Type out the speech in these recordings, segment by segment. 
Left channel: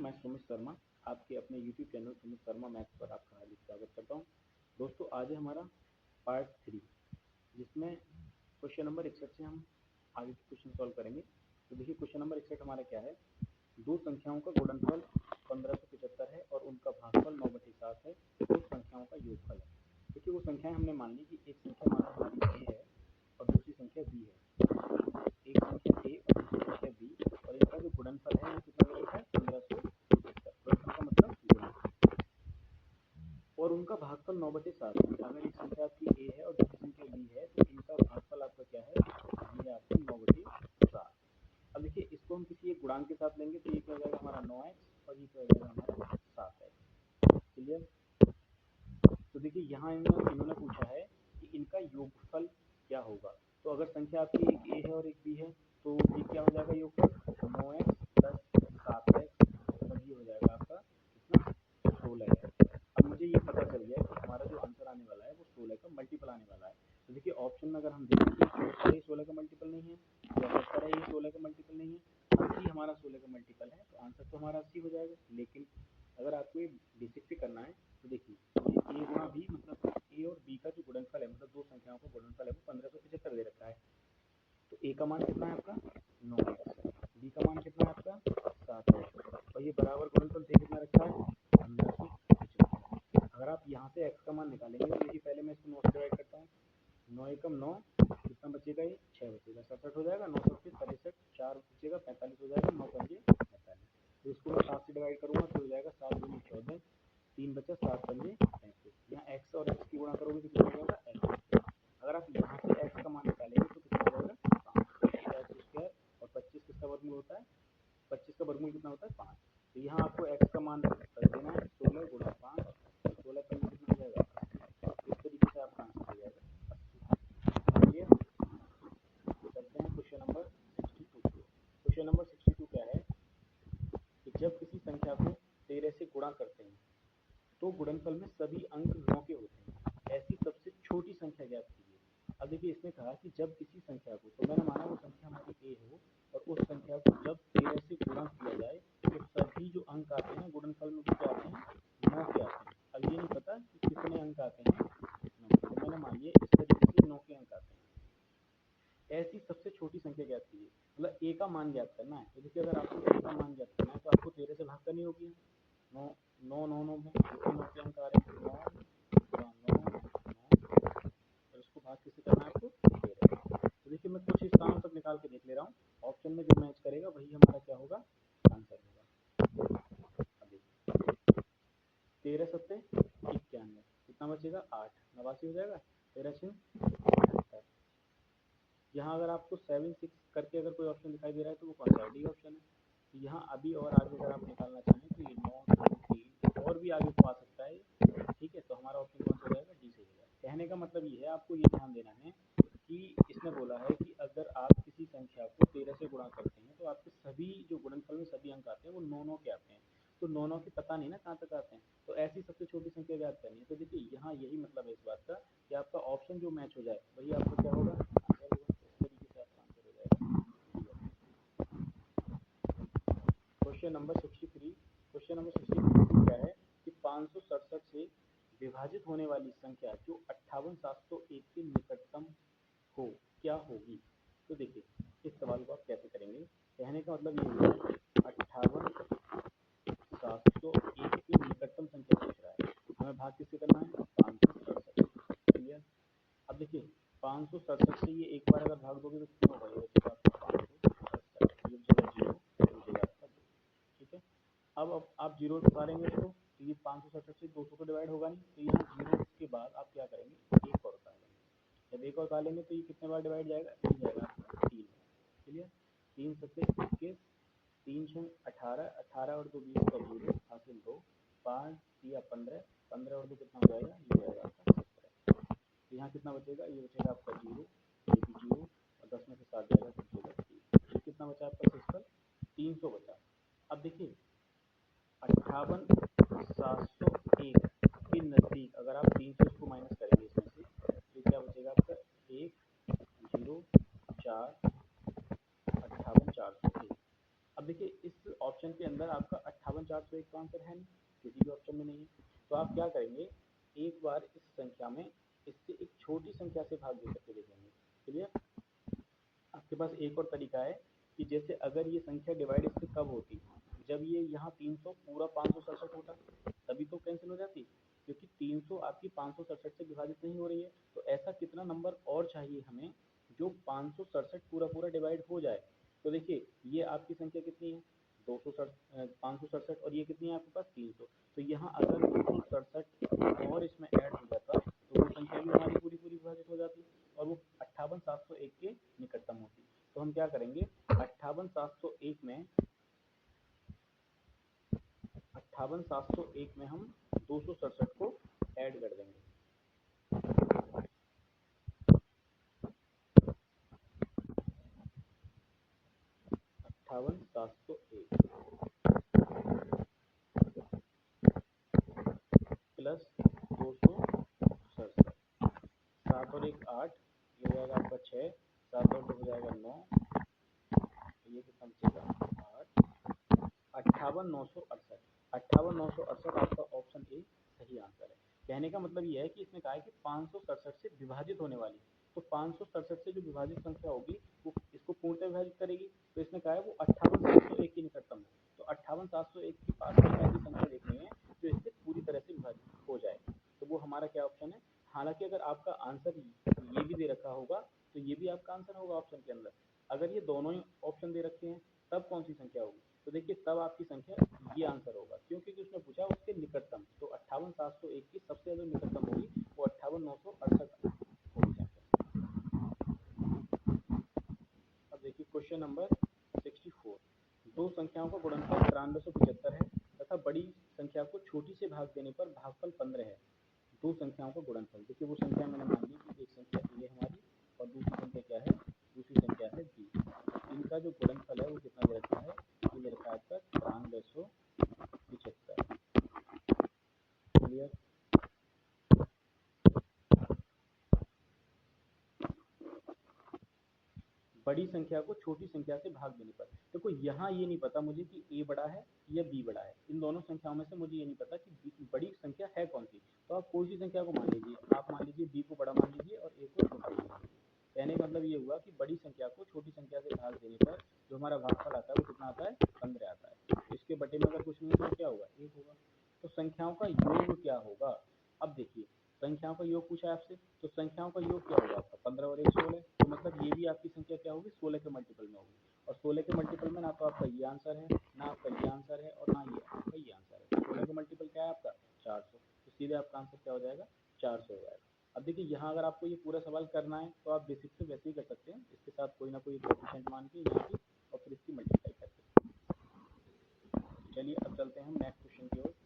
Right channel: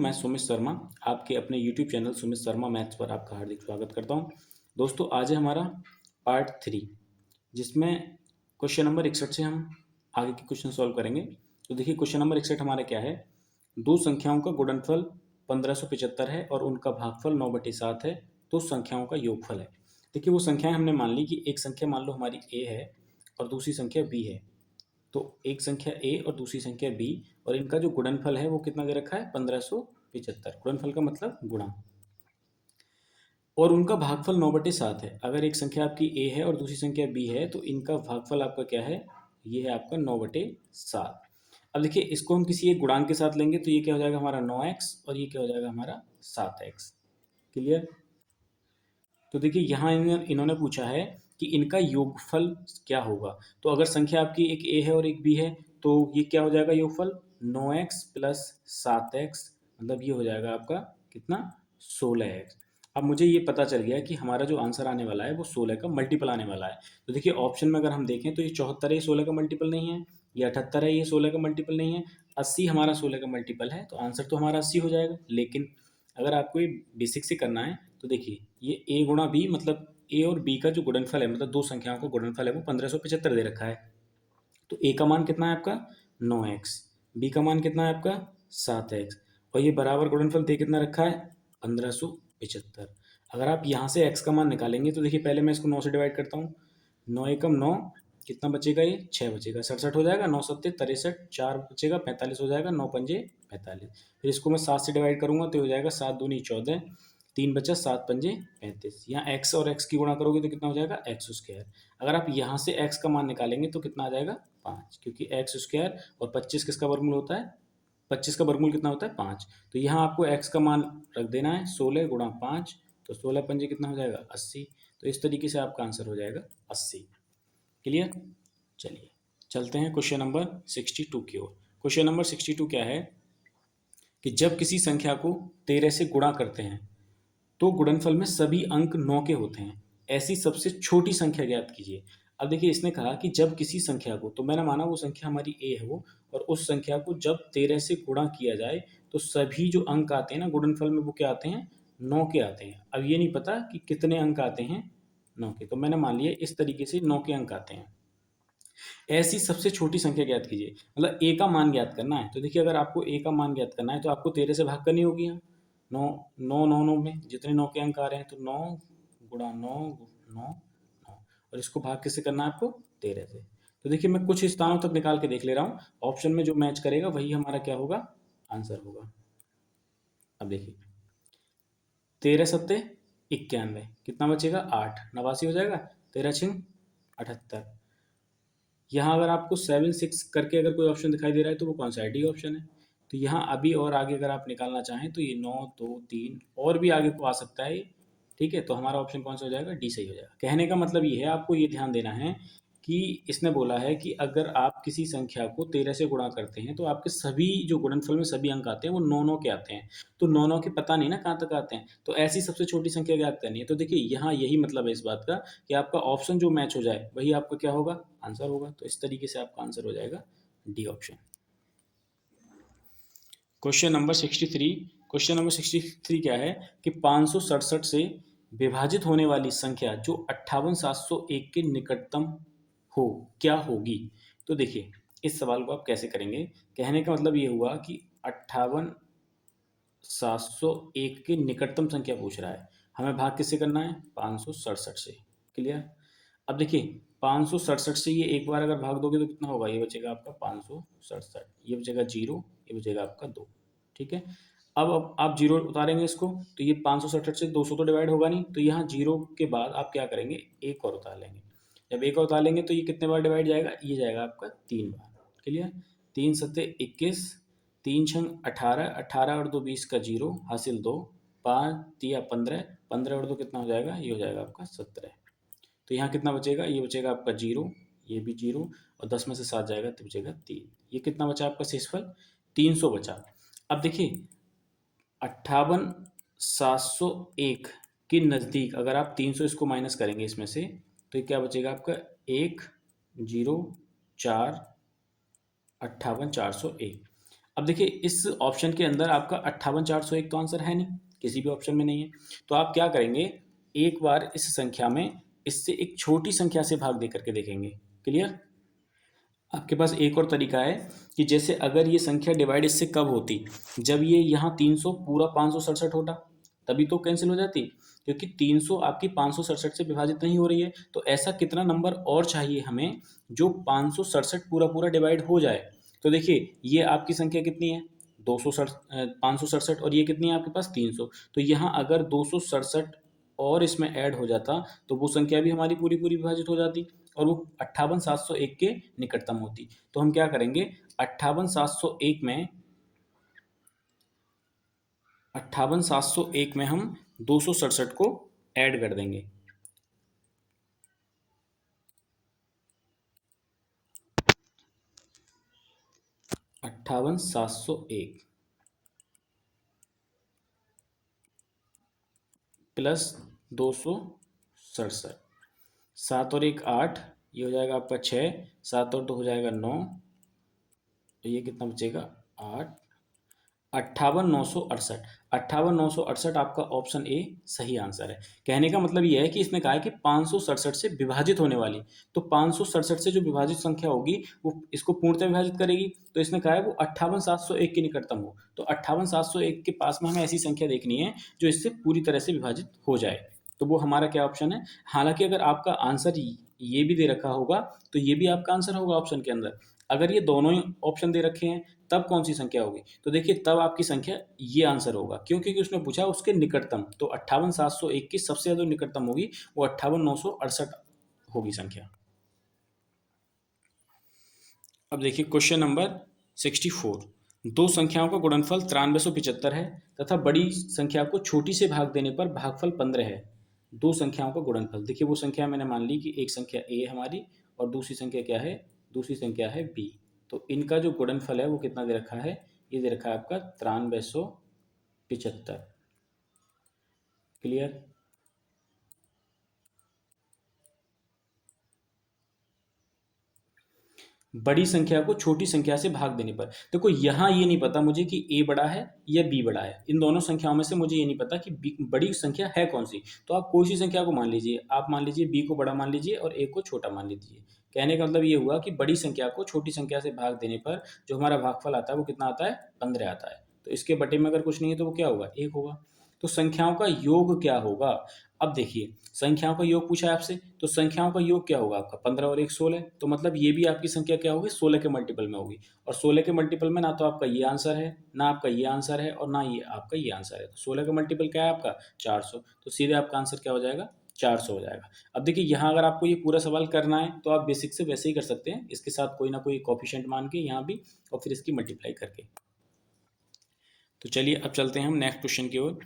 मैं सुमित शर्मा आपके अपने YouTube channel Sumit Sharma maths पर आपका हार्दिक स्वागत करता हूं। दोस्तों आज है हमारा पार्ट 3 जिसमें क्वेश्चन नंबर 61 से हम आगे के क्वेश्चन सॉल्व करेंगे। तो देखिए क्वेश्चन नंबर 61 हमारा क्या है। दो संख्याओं का गुणनफल 1575 है और उनका भागफल 9/7 है। उस संख्याओं का योगफल है। देखिए वो संख्याएं हमने मान ली कि एक संख्या मान लो हमारी a है और दूसरी संख्या b है। तो एक संख्या a और दूसरी संख्या b और इनका जो गुणनफल है वो कितना दे रखा है 1575। गुणनफल का मतलब गुणा, और उनका भागफल 9/7 है। अगर एक संख्या आपकी a है और दूसरी संख्या b है तो इनका भागफल आपका क्या है, ये है आपका 9/7। अब देखिए इसको हम किसी एक गुणांक के साथ लेंगे तो ये क्या हो जाएगा हमारा 9x और ये क्या हो जाएगा हमारा 7x। क्लियर। तो देखिए यहाँ इन्होंने पूछा है कि इनका योगफल क्या होगा। तो अगर संख्या आपकी एक a है और एक b है तो ये क्या हो जाएगा योगफल 9x प्लस 7x, मतलब ये हो जाएगा आपका कितना 16x। अब मुझे ये पता चल गया कि हमारा जो आंसर आने वाला है वो 16 का मल्टीपल आने वाला है। तो देखिए ऑप्शन में अगर हम देखें तो ये 74 है, ये 16 का मल्टीपल नहीं है। ये 78 है, ये 16 का मल्टीपल नहीं है। 80 हमारा 16 का मल्टीपल है, तो आंसर तो हमारा 80 हो जाएगा। लेकिन अगर आपको ये बेसिक से करना है तो देखिए ये a गुणा बी, मतलब a और b का जो गुणनफल है, मतलब दो संख्याओं का गुणनफल है वो 1575 दे रखा है। तो a का मान कितना है आपका 9x, b का मान कितना है आपका 7x, और ये बराबर गुणनफल दे कितना रखा है 1575। अगर आप यहाँ से x का मान निकालेंगे तो देखिए पहले मैं इसको 9 से डिवाइड करता हूँ। 9 एकम 9, कितना बचेगा ये 6 बचेगा, 67 हो जाएगा, 9 सत्ते 63, 4 बचेगा 45 हो जाएगा, 9 पंजे 45। फिर इसको मैं 7 से डिवाइड करूंगा तो हो जाएगा 7 दूनी 14, 3 बचा 7 पंजे 35। यहाँ x और x की गुणा करोगे तो कितना हो जाएगा एक्स स्क्वायर। अगर आप यहाँ से x का मान निकालेंगे तो कितना आ जाएगा 5, क्योंकि एक्स स्क्वायर और 25 किसका वर्गमूल होता है, 25 का वर्गमूल कितना होता है 5। तो यहाँ आपको x का मान रख देना है 16 गुणा 5, तो 16 पंजे कितना हो जाएगा 80। तो इस तरीके से आपका आंसर हो जाएगा 80। क्लियर। चलिए चलते हैं क्वेश्चन नंबर 62 की ओर। क्वेश्चन नंबर 62 क्या है कि जब किसी संख्या को 13 से गुणा करते हैं तो गुणनफल में सभी अंक 9 के होते हैं। ऐसी सबसे छोटी संख्या ज्ञात कीजिए। अब देखिए इसने कहा कि जब किसी संख्या को, तो मैंने माना वो संख्या हमारी a है वो, और उस संख्या को जब 13 से गुणा किया जाए तो सभी जो अंक आते हैं ना गुणनफल में वो क्या आते हैं 9 के आते हैं। अब ये नहीं पता कि कितने अंक आते हैं 9 के, तो मैंने मान लिया इस तरीके से 9 के अंक आते हैं। ऐसी सबसे छोटी संख्या ज्ञात कीजिए, मतलब a का मान ज्ञात करना है। तो देखिए अगर आपको a का मान ज्ञात करना है तो आपको 13 से भाग करनी होगी। यहाँ 9 9 9 9 में जितने 9 के अंक आ रहे हैं तो 9 गुणा 9 9 9, और इसको भाग किससे करना है आपको 13 से। तो देखिए मैं कुछ स्थानों तक निकाल के देख ले रहा हूँ, ऑप्शन में जो मैच करेगा वही हमारा क्या होगा आंसर होगा। अब देखिए 13 सत्ते 91, कितना बचेगा 8, 89 हो जाएगा, 13 छिंग 78। यहाँ अगर आपको 7 6 करके अगर कोई ऑप्शन दिखाई दे रहा है तो वो कौन सा है, डी ऑप्शन है। तो यहाँ अभी और आगे अगर आप निकालना चाहें तो ये 9 2 3 और भी आगे को आ सकता है। ठीक है, तो हमारा ऑप्शन कौन सा हो जाएगा, डी सही हो जाएगा। कहने का मतलब ये है, आपको ये ध्यान देना है कि इसने बोला है कि अगर आप किसी संख्या को 13 से गुणा करते हैं तो आपके सभी जो गुणनफल में सभी अंक आते हैं वो 9 9 के आते हैं। तो 9 9 के पता नहीं ना कहाँ तक आते हैं, तो ऐसी सबसे छोटी संख्या ज्ञात करनी है। तो देखिए यहाँ यही मतलब है इस बात का कि आपका ऑप्शन जो मैच हो जाए वही आपका क्या होगा आंसर होगा। तो इस तरीके से आपका आंसर हो जाएगा D option. Question number 63। Question number 63 क्या है कि 567 से विभाजित होने वाली संख्या जो 58701 के निकटतम हो क्या होगी। तो देखिए इस सवाल को आप कैसे करेंगे, कहने का मतलब ये हुआ कि 58701 के निकटतम संख्या पूछ रहा है, हमें भाग किससे करना है 567 से। क्लियर। अब देखिए 567 से ये एक बार अगर भाग दोगे तो कितना होगा, ये बचेगा आपका 567, ये बचेगा 0, ये बचेगा आपका 2। ठीक है। अब आप जीरो उतारेंगे इसको तो ये 567 से 200 तो डिवाइड होगा नहीं, तो यहाँ जीरो के बाद आप क्या करेंगे एक और उतार लेंगे। जब एक और उतार लेंगे तो ये कितने बार डिवाइड जाएगा, ये जाएगा आपका 3 बार। क्लियर। 3 सत्ते 21, 3 छंग 18, 18 और 2 20 का 0 हासिल 2, 5 तिया 15, 15 और 2 कितना हो जाएगा, ये हो जाएगा आपका 17। तो यहाँ कितना बचेगा, ये बचेगा आपका 0, ये भी 0, और 10 में से 7 जाएगा तो बचेगा 3। ये कितना बचा आपका शेषफल 300 बचा। अब देखिए 58701 के नज़दीक अगर आप 300 इसको माइनस करेंगे इसमें से तो ये क्या बचेगा आपका 1 0 4 58 401। अब देखिए इस ऑप्शन के अंदर आपका 58,401 तो आंसर है नहीं, किसी भी ऑप्शन में नहीं है। तो आप क्या करेंगे, एक बार इस संख्या में इससे एक छोटी संख्या से भाग दे करके देखेंगे। क्लियर? आपके पास एक और तरीका है कि जैसे अगर ये संख्या डिवाइड इससे कब होती, जब ये यहाँ 300 पूरा 567 होता, तभी तो कैंसिल हो जाती, क्योंकि 300 आपकी 567 से विभाजित नहीं हो रही है। तो ऐसा कितना नंबर और चाहिए हमें जो 567 पूरा पूरा डिवाइड हो जाए। तो देखिए ये आपकी संख्या कितनी है, 567, और ये कितनी है आपके पास 300। तो यहाँ अगर 267 और इसमें ऐड हो जाता तो वो संख्या भी हमारी पूरी पूरी विभाजित हो जाती और वो 58,701 के निकटतम होती। तो हम क्या करेंगे, 58,701 में हम 267 को ऐड कर देंगे। 58,701 प्लस 267, 7 और 1 8, ये हो जाएगा आपका 6, 7 और 2 हो जाएगा 9, तो ये कितना बचेगा 8, 58,968। 58,968 आपका ऑप्शन ए सही आंसर है। कहने का मतलब ये है कि इसने कहा है कि 567 से विभाजित होने वाली, तो 567 से जो विभाजित संख्या होगी वो इसको पूर्णतः विभाजित करेगी। तो इसने कहा है वो 58,701 के निकटतम हो। तो 58,701 के पास में हमें ऐसी संख्या देखनी है जो इससे पूरी तरह से विभाजित हो जाए। तो वो हमारा क्या ऑप्शन है। हालांकि अगर आपका आंसर ये भी दे रखा होगा तो ये भी आपका आंसर होगा ऑप्शन के अंदर। अगर ये दोनों ही ऑप्शन दे रखे हैं तब कौन सी संख्या होगी, तो देखिए तब आपकी संख्या ये आंसर होगा, क्यों? क्योंकि उसने पूछा उसके निकटतम। तो 58,701 की सबसे ज्यादा निकटतम होगी वो 58,968 होगी संख्या। अब देखिए क्वेश्चन नंबर 64। दो संख्याओं का गुणनफल 9375 है तथा बड़ी संख्या को छोटी से भाग देने पर भागफल 15 है। दो संख्याओं का गुणनफल, देखिए वो संख्या मैंने मान ली कि एक संख्या ए हमारी और दूसरी संख्या क्या है, दूसरी संख्या है बी। तो इनका जो गुणनफल है वो कितना दे रखा है, ये दे रखा है आपका 9375। क्लियर? बड़ी संख्या को छोटी संख्या से भाग देने पर, देखो यहाँ ये नहीं पता मुझे कि ए बड़ा है या बी बड़ा है। इन दोनों संख्याओं में से मुझे ये नहीं पता कि बड़ी संख्या है कौन सी। तो आप कोई सी संख्या को मान लीजिए, आप मान लीजिए बी को बड़ा मान लीजिए और ए को छोटा मान लीजिए। कहने का मतलब ये हुआ कि बड़ी संख्या को छोटी संख्या से भाग देने पर जो हमारा भागफल आता है वो कितना आता है, 15 आता है। तो इसके बटे में अगर कुछ नहीं है तो वो क्या होगा, एक होगा। तो संख्याओं का योग क्या होगा। अब देखिए संख्याओं का योग पूछा है आपसे, तो संख्याओं का योग क्या होगा आपका, 15 और 1 16। तो मतलब ये भी आपकी संख्या क्या होगी, 16 के मल्टीपल में होगी। और 16 के मल्टीपल में ना तो आपका ये आंसर है, ना आपका ये आंसर है, और ना ये आपका ये आंसर है। तो 16 का मल्टीपल क्या है आपका, 400। तो सीधे आपका आंसर क्या हो जाएगा, 400 हो जाएगा। अब देखिए यहाँ अगर आपको ये पूरा सवाल करना है तो आप बेसिक से वैसे ही कर सकते हैं, इसके साथ कोई ना कोई कोफिशिएंट मान के यहाँ भी, और फिर इसकी मल्टीप्लाई करके। तो चलिए अब चलते हैं हम नेक्स्ट क्वेश्चन की ओर।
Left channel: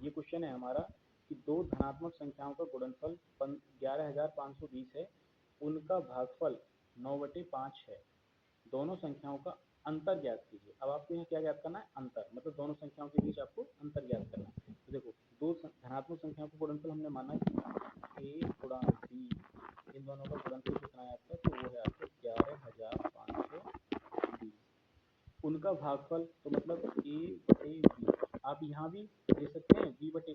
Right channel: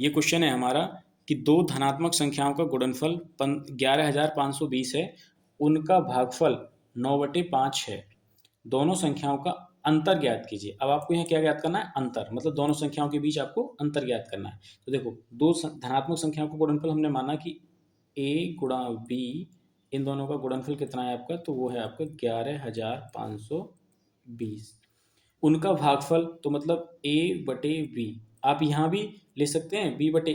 ये क्वेश्चन है हमारा कि दो धनात्मक संख्याओं का गुणनफल 11,520 है, उनका भागफल 9/5 है। दोनों संख्याओं का अंतर ज्ञात कीजिए। अब आपको यहाँ क्या ज्ञात करना है, अंतर, मतलब दोनों संख्याओं के बीच आपको अंतर ज्ञात करना है। तो देखो दो धनात्मक संख्याओं का गुणनफल हमने माना कि ए गुणा बी, इन दोनों का गुणनफल कितना है आपका, तो वो है आपका 11,520। उनका भागफल तो मतलब ए बटे बी, आप यहाँ भी ले सकते हैं बी बटे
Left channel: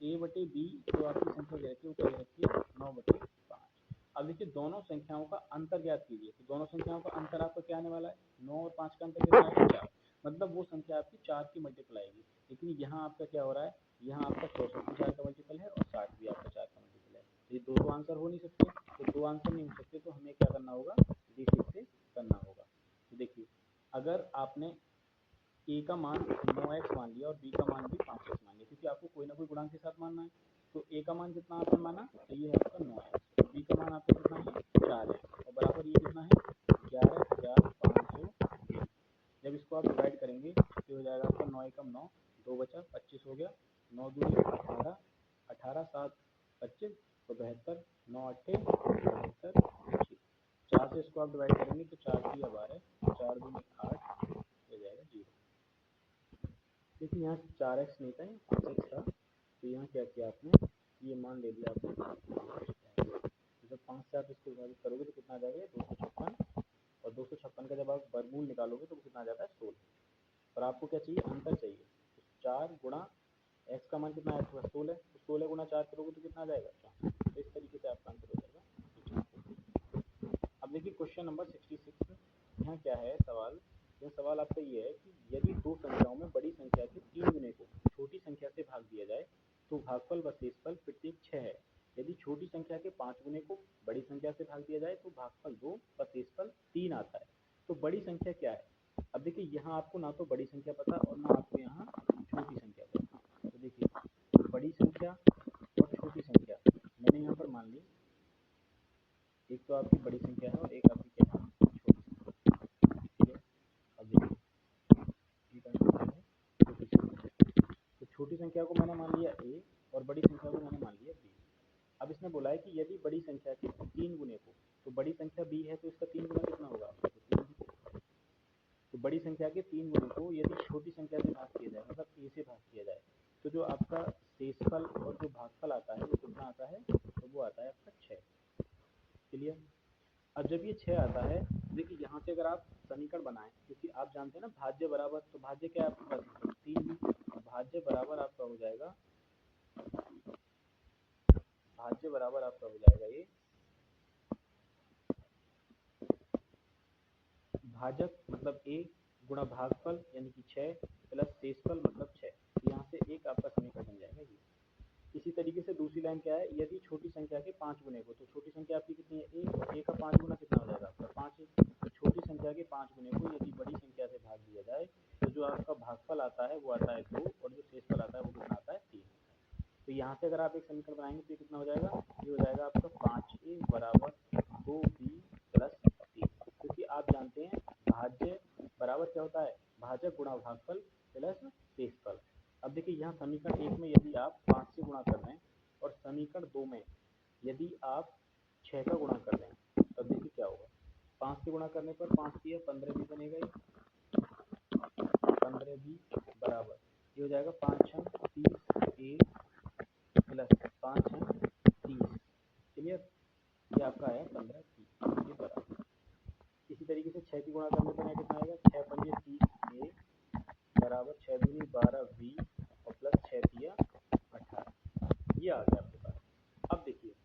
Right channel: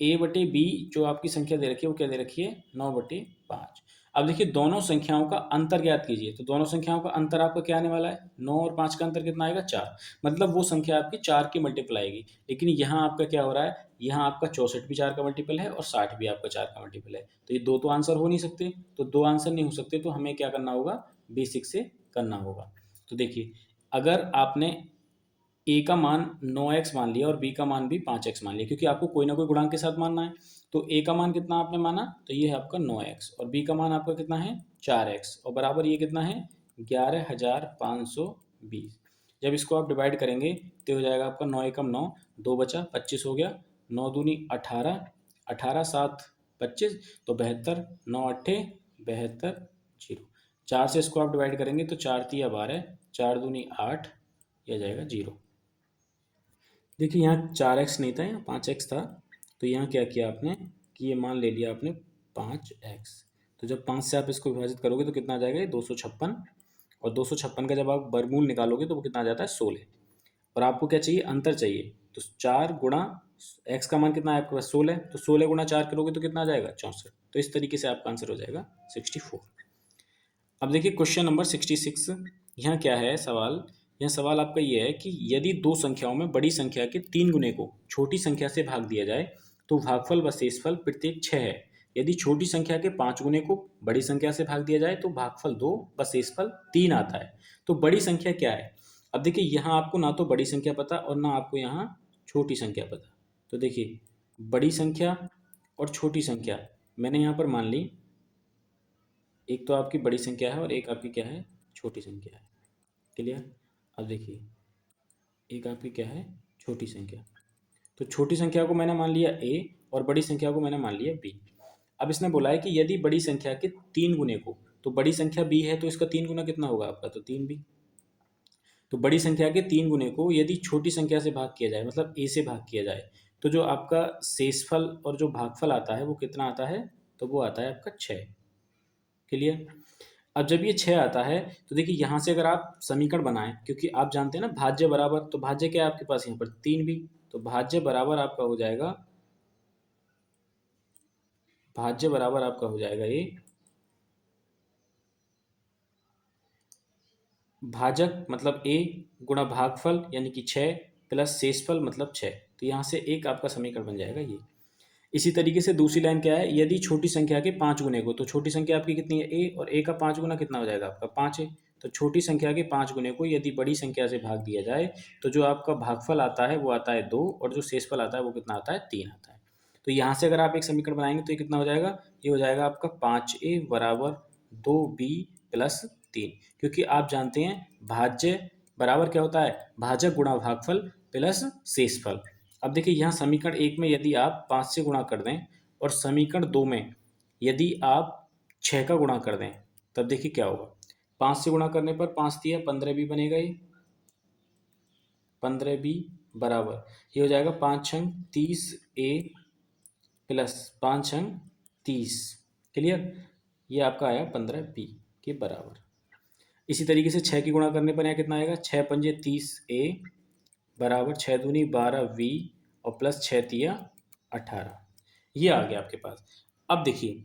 ए बटे बी। जो आपकी संख्या दे रखी है वो क्या दे रखी है, 9/5। अब देखिए दोनों संख्याओं का अंतर ज्ञात कीजिए। तो दोनों संख्याओं का अंतर आपका क्या आने वाला है, 9 और 5 का अंतर कितना आएगा, 4। मतलब वो संख्या आपकी 4 की मल्टीपल आएगी। लेकिन यहाँ आपका क्या हो रहा है, यहाँ आपका 64 भी 4 का मल्टीपल है और 60 भी आपका 4 का मल्टीपल है। तो ये दो तो आंसर हो नहीं सकते। तो दो आंसर नहीं हो सकते तो हमें क्या करना होगा, बेसिक से करना होगा। तो देखिए अगर आपने ए का मान 9x मान लिया और बी का मान भी 5x मान लिया, क्योंकि आपको कोई ना कोई गुणांक के साथ मानना है। तो ए का मान कितना आपने माना, तो ये है आपका 9x, और बी का मान आपका कितना है 4x, और बराबर ये कितना है 11,520। जब इसको आप डिवाइड करेंगे तो हो जाएगा आपका 9 एकम 9, 2 बचा 25 हो गया, 9 दूनी 18, 18 7 25, तो 72, 9 अट्ठे 72, 0। 4 से इसको आप डिवाइड करेंगे तो 4 तिया 12, 4 दूनी 8, यह जाएगा 0। देखिए यहाँ 4x नहीं था, यहाँ 5x था। तो यहाँ क्या किया आपने कि ये मान ले लिया आपने 5x। तो जब 5 से आप इसको विभाजित करोगे तो कितना आ जाएगा, ये 256। और 256 का जब आप वर्गमूल निकालोगे तो वो कितना आ जाता है 16। और आपको क्या चाहिए, अंतर चाहिए। तो 4 गुणा x का मान कितना है आपके पास 16, तो 16 गुणा 4 करोगे तो कितना आ जाएगा 64। तो इस तरीके से आपका आंसर हो जाएगा 64। अब देखिए क्वेश्चन नंबर 66। यहाँ क्या है सवाल, यह सवाल आपका ये है कि यदि दो संख्याओं में बड़ी संख्या के 3 गुने को छोटी संख्या से भाग दिया जाए तो भागफल व शेषफल प्रत्येक 6 है। यदि छोटी संख्या के 5 गुने को बड़ी संख्या से भाग दिया जाए तो भागफल 2 व शेषफल 3 आता है। तो बड़ी संख्या क्या है। अब देखिए यहाँ आपको ना तो बड़ी संख्या पता और ना आपको यहाँ छोटी संख्या पता। तो देखिए बड़ी संख्या और छोटी संख्या मैंने यहाँ पर मान ली, एक तो आपकी बड़ी संख्या है और एक आपकी क्या है छोटी संख्या है। क्लियर। अब देखिए एक आपकी क्या है छोटी संख्या, तो छोटी संख्या को मैंने मान लिया a और बड़ी संख्या को मैंने मान लिया b। अब इसने बोला है कि यदि बड़ी संख्या के 3 गुने को, तो बड़ी संख्या b है तो इसका 3 गुना कितना होगा आपका, तो 3b। तो बड़ी संख्या के 3 गुने को यदि छोटी संख्या से भाग किया जाए, मतलब a से भाग किया जाए, तो जो आपका शेषफल और जो भागफल आता है वो कितना आता है, तो वो आता है आपका 6। क्लियर। अब जब ये 6 आता है तो देखिए यहाँ से अगर आप समीकरण बनाएं, क्योंकि आप जानते हैं ना भाज्य बराबर, तो भाज्य क्या है आपके पास यहाँ पर 3b, तो भाज्य बराबर आपका हो जाएगा, भाज्य बराबर आपका हो जाएगा ये भाजक मतलब a गुणा भागफल यानी कि 6 प्लस शेषफल मतलब 6। तो यहाँ से एक आपका समीकरण बन जाएगा ये। इसी तरीके से दूसरी लाइन क्या है, यदि छोटी संख्या के 5 गुने को, तो छोटी संख्या आपकी कितनी है a, और a का 5 गुना कितना हो जाएगा आपका 5 है। तो छोटी संख्या के 5 गुने को यदि बड़ी संख्या से भाग दिया जाए तो जो आपका भागफल आता है वो आता है 2 और जो शेषफल आता है वो कितना आता है 3 आता है। तो यहाँ से अगर आप एक समीकरण बनाएंगे तो ये कितना हो जाएगा, ये हो जाएगा आपका 5a बराबर 2b प्लस 3, क्योंकि आप जानते हैं भाज्य बराबर क्या होता है, भाजक गुणा भागफल प्लस शेषफल। अब देखिए यहाँ समीकरण 1 में यदि आप 5 से गुणा कर दें और समीकरण 2 में यदि आप 6 का गुणा कर दें, तब देखिए क्या होगा। 5 से गुणा करने पर 5 दिया 15 भी बनेगा, ये 15 भी बराबर ये हो जाएगा 5 छंग 30a प्लस 5 छंग 30। क्लियर। ये आपका आया 15b के बराबर। इसी तरीके से 6 की गुणा करने पर यहाँ कितना आएगा, 6 पंजे 30a बराबर 6 दूनी 12v और प्लस 6 तिया 18। ये आ गया आपके पास। अब देखिए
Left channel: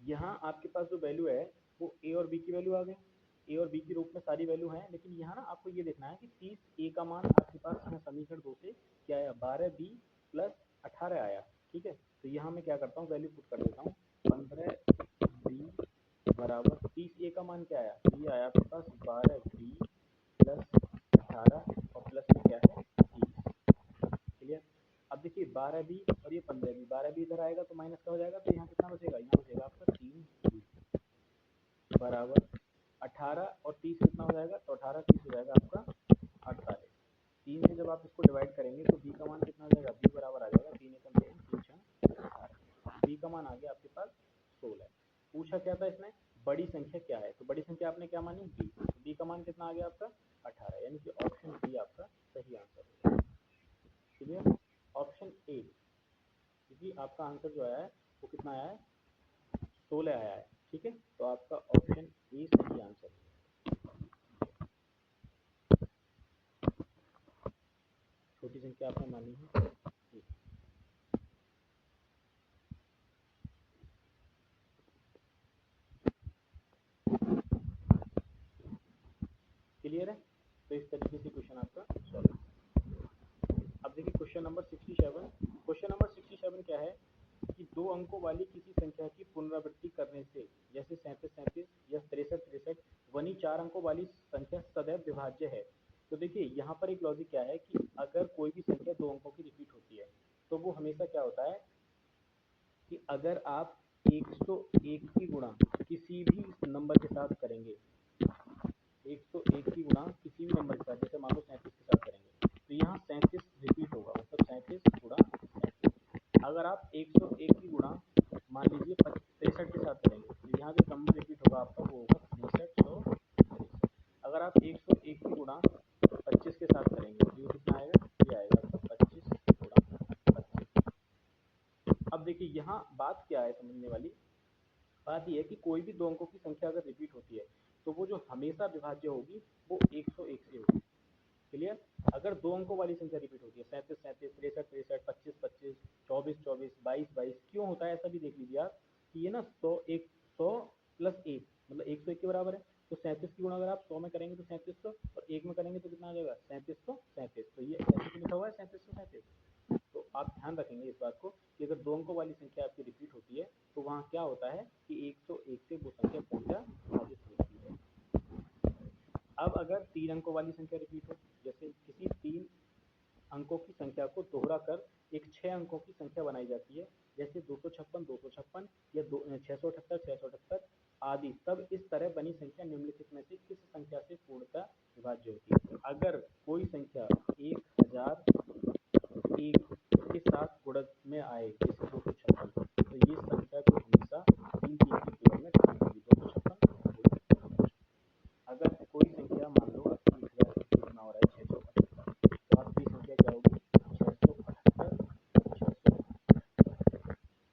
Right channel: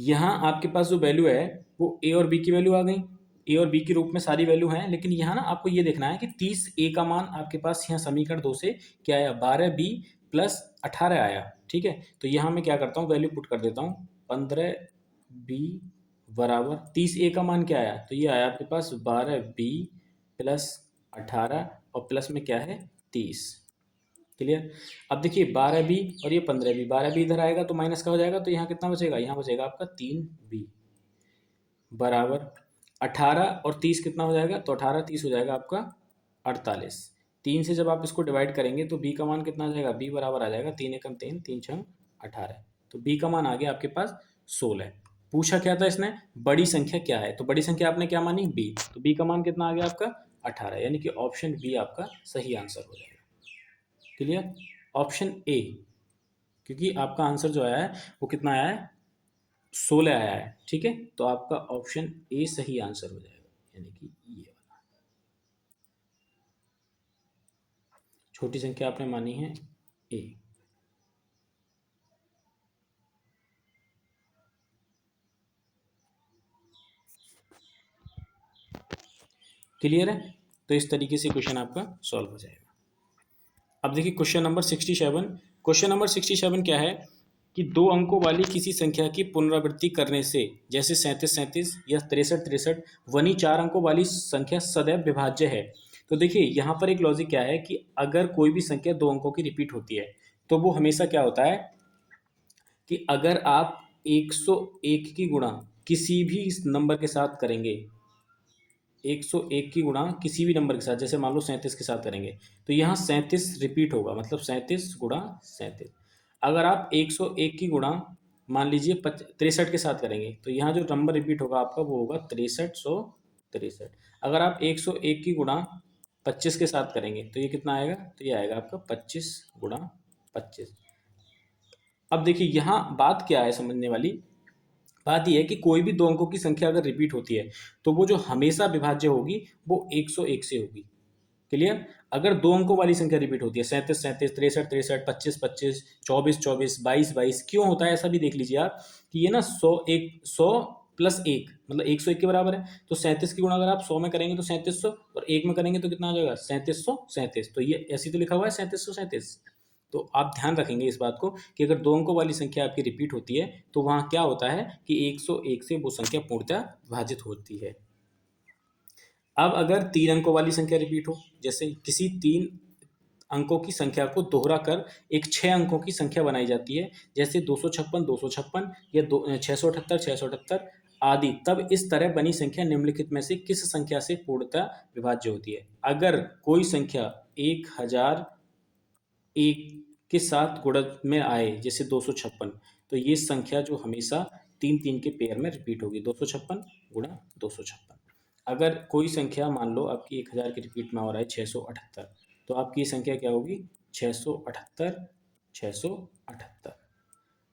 यहाँ आपके पास जो वैल्यू है वो a और b की वैल्यू आ गई, a और b के रूप में सारी वैल्यू हैं, लेकिन यहाँ ना आपको ये देखना है कि 30a का मान आपके पास यहाँ समीकरण 2 से क्या आया, 12b प्लस 18 आया। ठीक है, तो यहाँ मैं क्या करता हूँ, वैल्यू पुट कर देता हूँ, 15b बराबर 30a का मान क्या आया, तो ये आया आपके पास 12b प्लस 18 और प्लस में क्या है 30। क्लियर। अब देखिए 12b और ये 15b, 12b इधर आएगा तो माइनस का हो जाएगा, तो यहाँ कितना बचेगा, यहाँ बचेगा आपका 3b बराबर 18 और 30 कितना हो जाएगा, तो 18 30 हो जाएगा आपका 48। 3 से जब आप इसको डिवाइड करेंगे तो b का मान कितना आ जाएगा, b बराबर आ जाएगा 3 एकम 3 3 छंग 18। तो b का मान आ गया आपके पास 16। पूछा क्या था इसने, बड़ी संख्या क्या है, तो बड़ी संख्या आपने क्या मानी b, तो b का मान कितना आ गया आपका 18, यानी कि ऑप्शन बी आपका सही आंसर हो जाएगा। क्लियर। ऑप्शन ए, क्योंकि आपका आंसर जो आया है वो कितना आया है 16 आया है। ठीक है, तो आपका ऑप्शन ए सही आंसर हो जाएगा, यानी कि ये वाला। छोटी संख्या आपने मानी है ए। क्लियर है, तो इस तरीके से क्वेश्चन आपका सॉल्व हो जाएगा। अब देखिए क्वेश्चन नंबर 67। क्वेश्चन नंबर 67 क्या है कि 2 अंकों वाली किसी संख्या की पुनरावृत्ति करने से, जैसे 37 37 या 63 63, वनी 4 अंकों वाली संख्या सदैव विभाज्य है। तो देखिए यहाँ पर एक लॉजिक क्या है कि अगर कोई भी संख्या 2 अंकों की रिपीट होती है तो वो हमेशा क्या होता है कि अगर आप 101 की गुणा किसी भी नंबर के साथ करेंगे, 101 की गुणा किसी भी नंबर के साथ, जैसे मान लो 37 के साथ करेंगे, तो यहाँ 37 रिपीट होगा, मतलब 37 गुणा 37। अगर आप 101 की गुणा मान लीजिए 63 के साथ करेंगे तो यहाँ जो नंबर रिपीट होगा आपका वो होगा 6363। अगर आप 101 की गुणा 25 के साथ करेंगे तो ये कितना आएगा, तो ये आएगा आपका 25 गुणा 25। अब देखिए यहाँ बात क्या है समझने वाली, बात यह है कि कोई भी दो अंकों की संख्या अगर रिपीट होती है तो वो जो हमेशा विभाज्य होगी वो 101 से होगी। क्लियर? अगर दो अंकों वाली संख्या रिपीट होती है 37 37, 63 63, 25 25, 24 24, 22 22, क्यों होता है ऐसा भी देख लीजिए आप कि ये ना 100 प्लस एक मतलब 101 के बराबर है। तो 37 की गुणा अगर आप 100 में करेंगे तो 3700, और एक में करेंगे तो कितना आ जाएगा 3737। तो ये ऐसे तो लिखा हुआ है 3737। तो आप ध्यान रखेंगे इस बात को कि अगर दो अंकों वाली संख्या आपकी रिपीट होती है तो वहाँ क्या होता है कि 101 से वो संख्या पूर्णतः विभाजित होती है। अब अगर तीन अंकों वाली संख्या रिपीट हो, जैसे किसी तीन अंकों की संख्या को दोहरा कर एक 6 अंकों की संख्या बनाई जाती है, जैसे 256 या 678 आदि, तब इस तरह बनी संख्या निम्नलिखित में से किस संख्या से पूर्णतः विभाज्य होती है? अगर कोई संख्या 1001 के साथ गुणन में आए, जैसे 256, तो ये संख्या जो हमेशा तीन तीन के पेयर में रिपीट होगी, 256 गुणा 256। अगर कोई संख्या मान लो आपकी 1000 के रिपीट में हो रहा है 678, तो आपकी संख्या क्या होगी 678 678।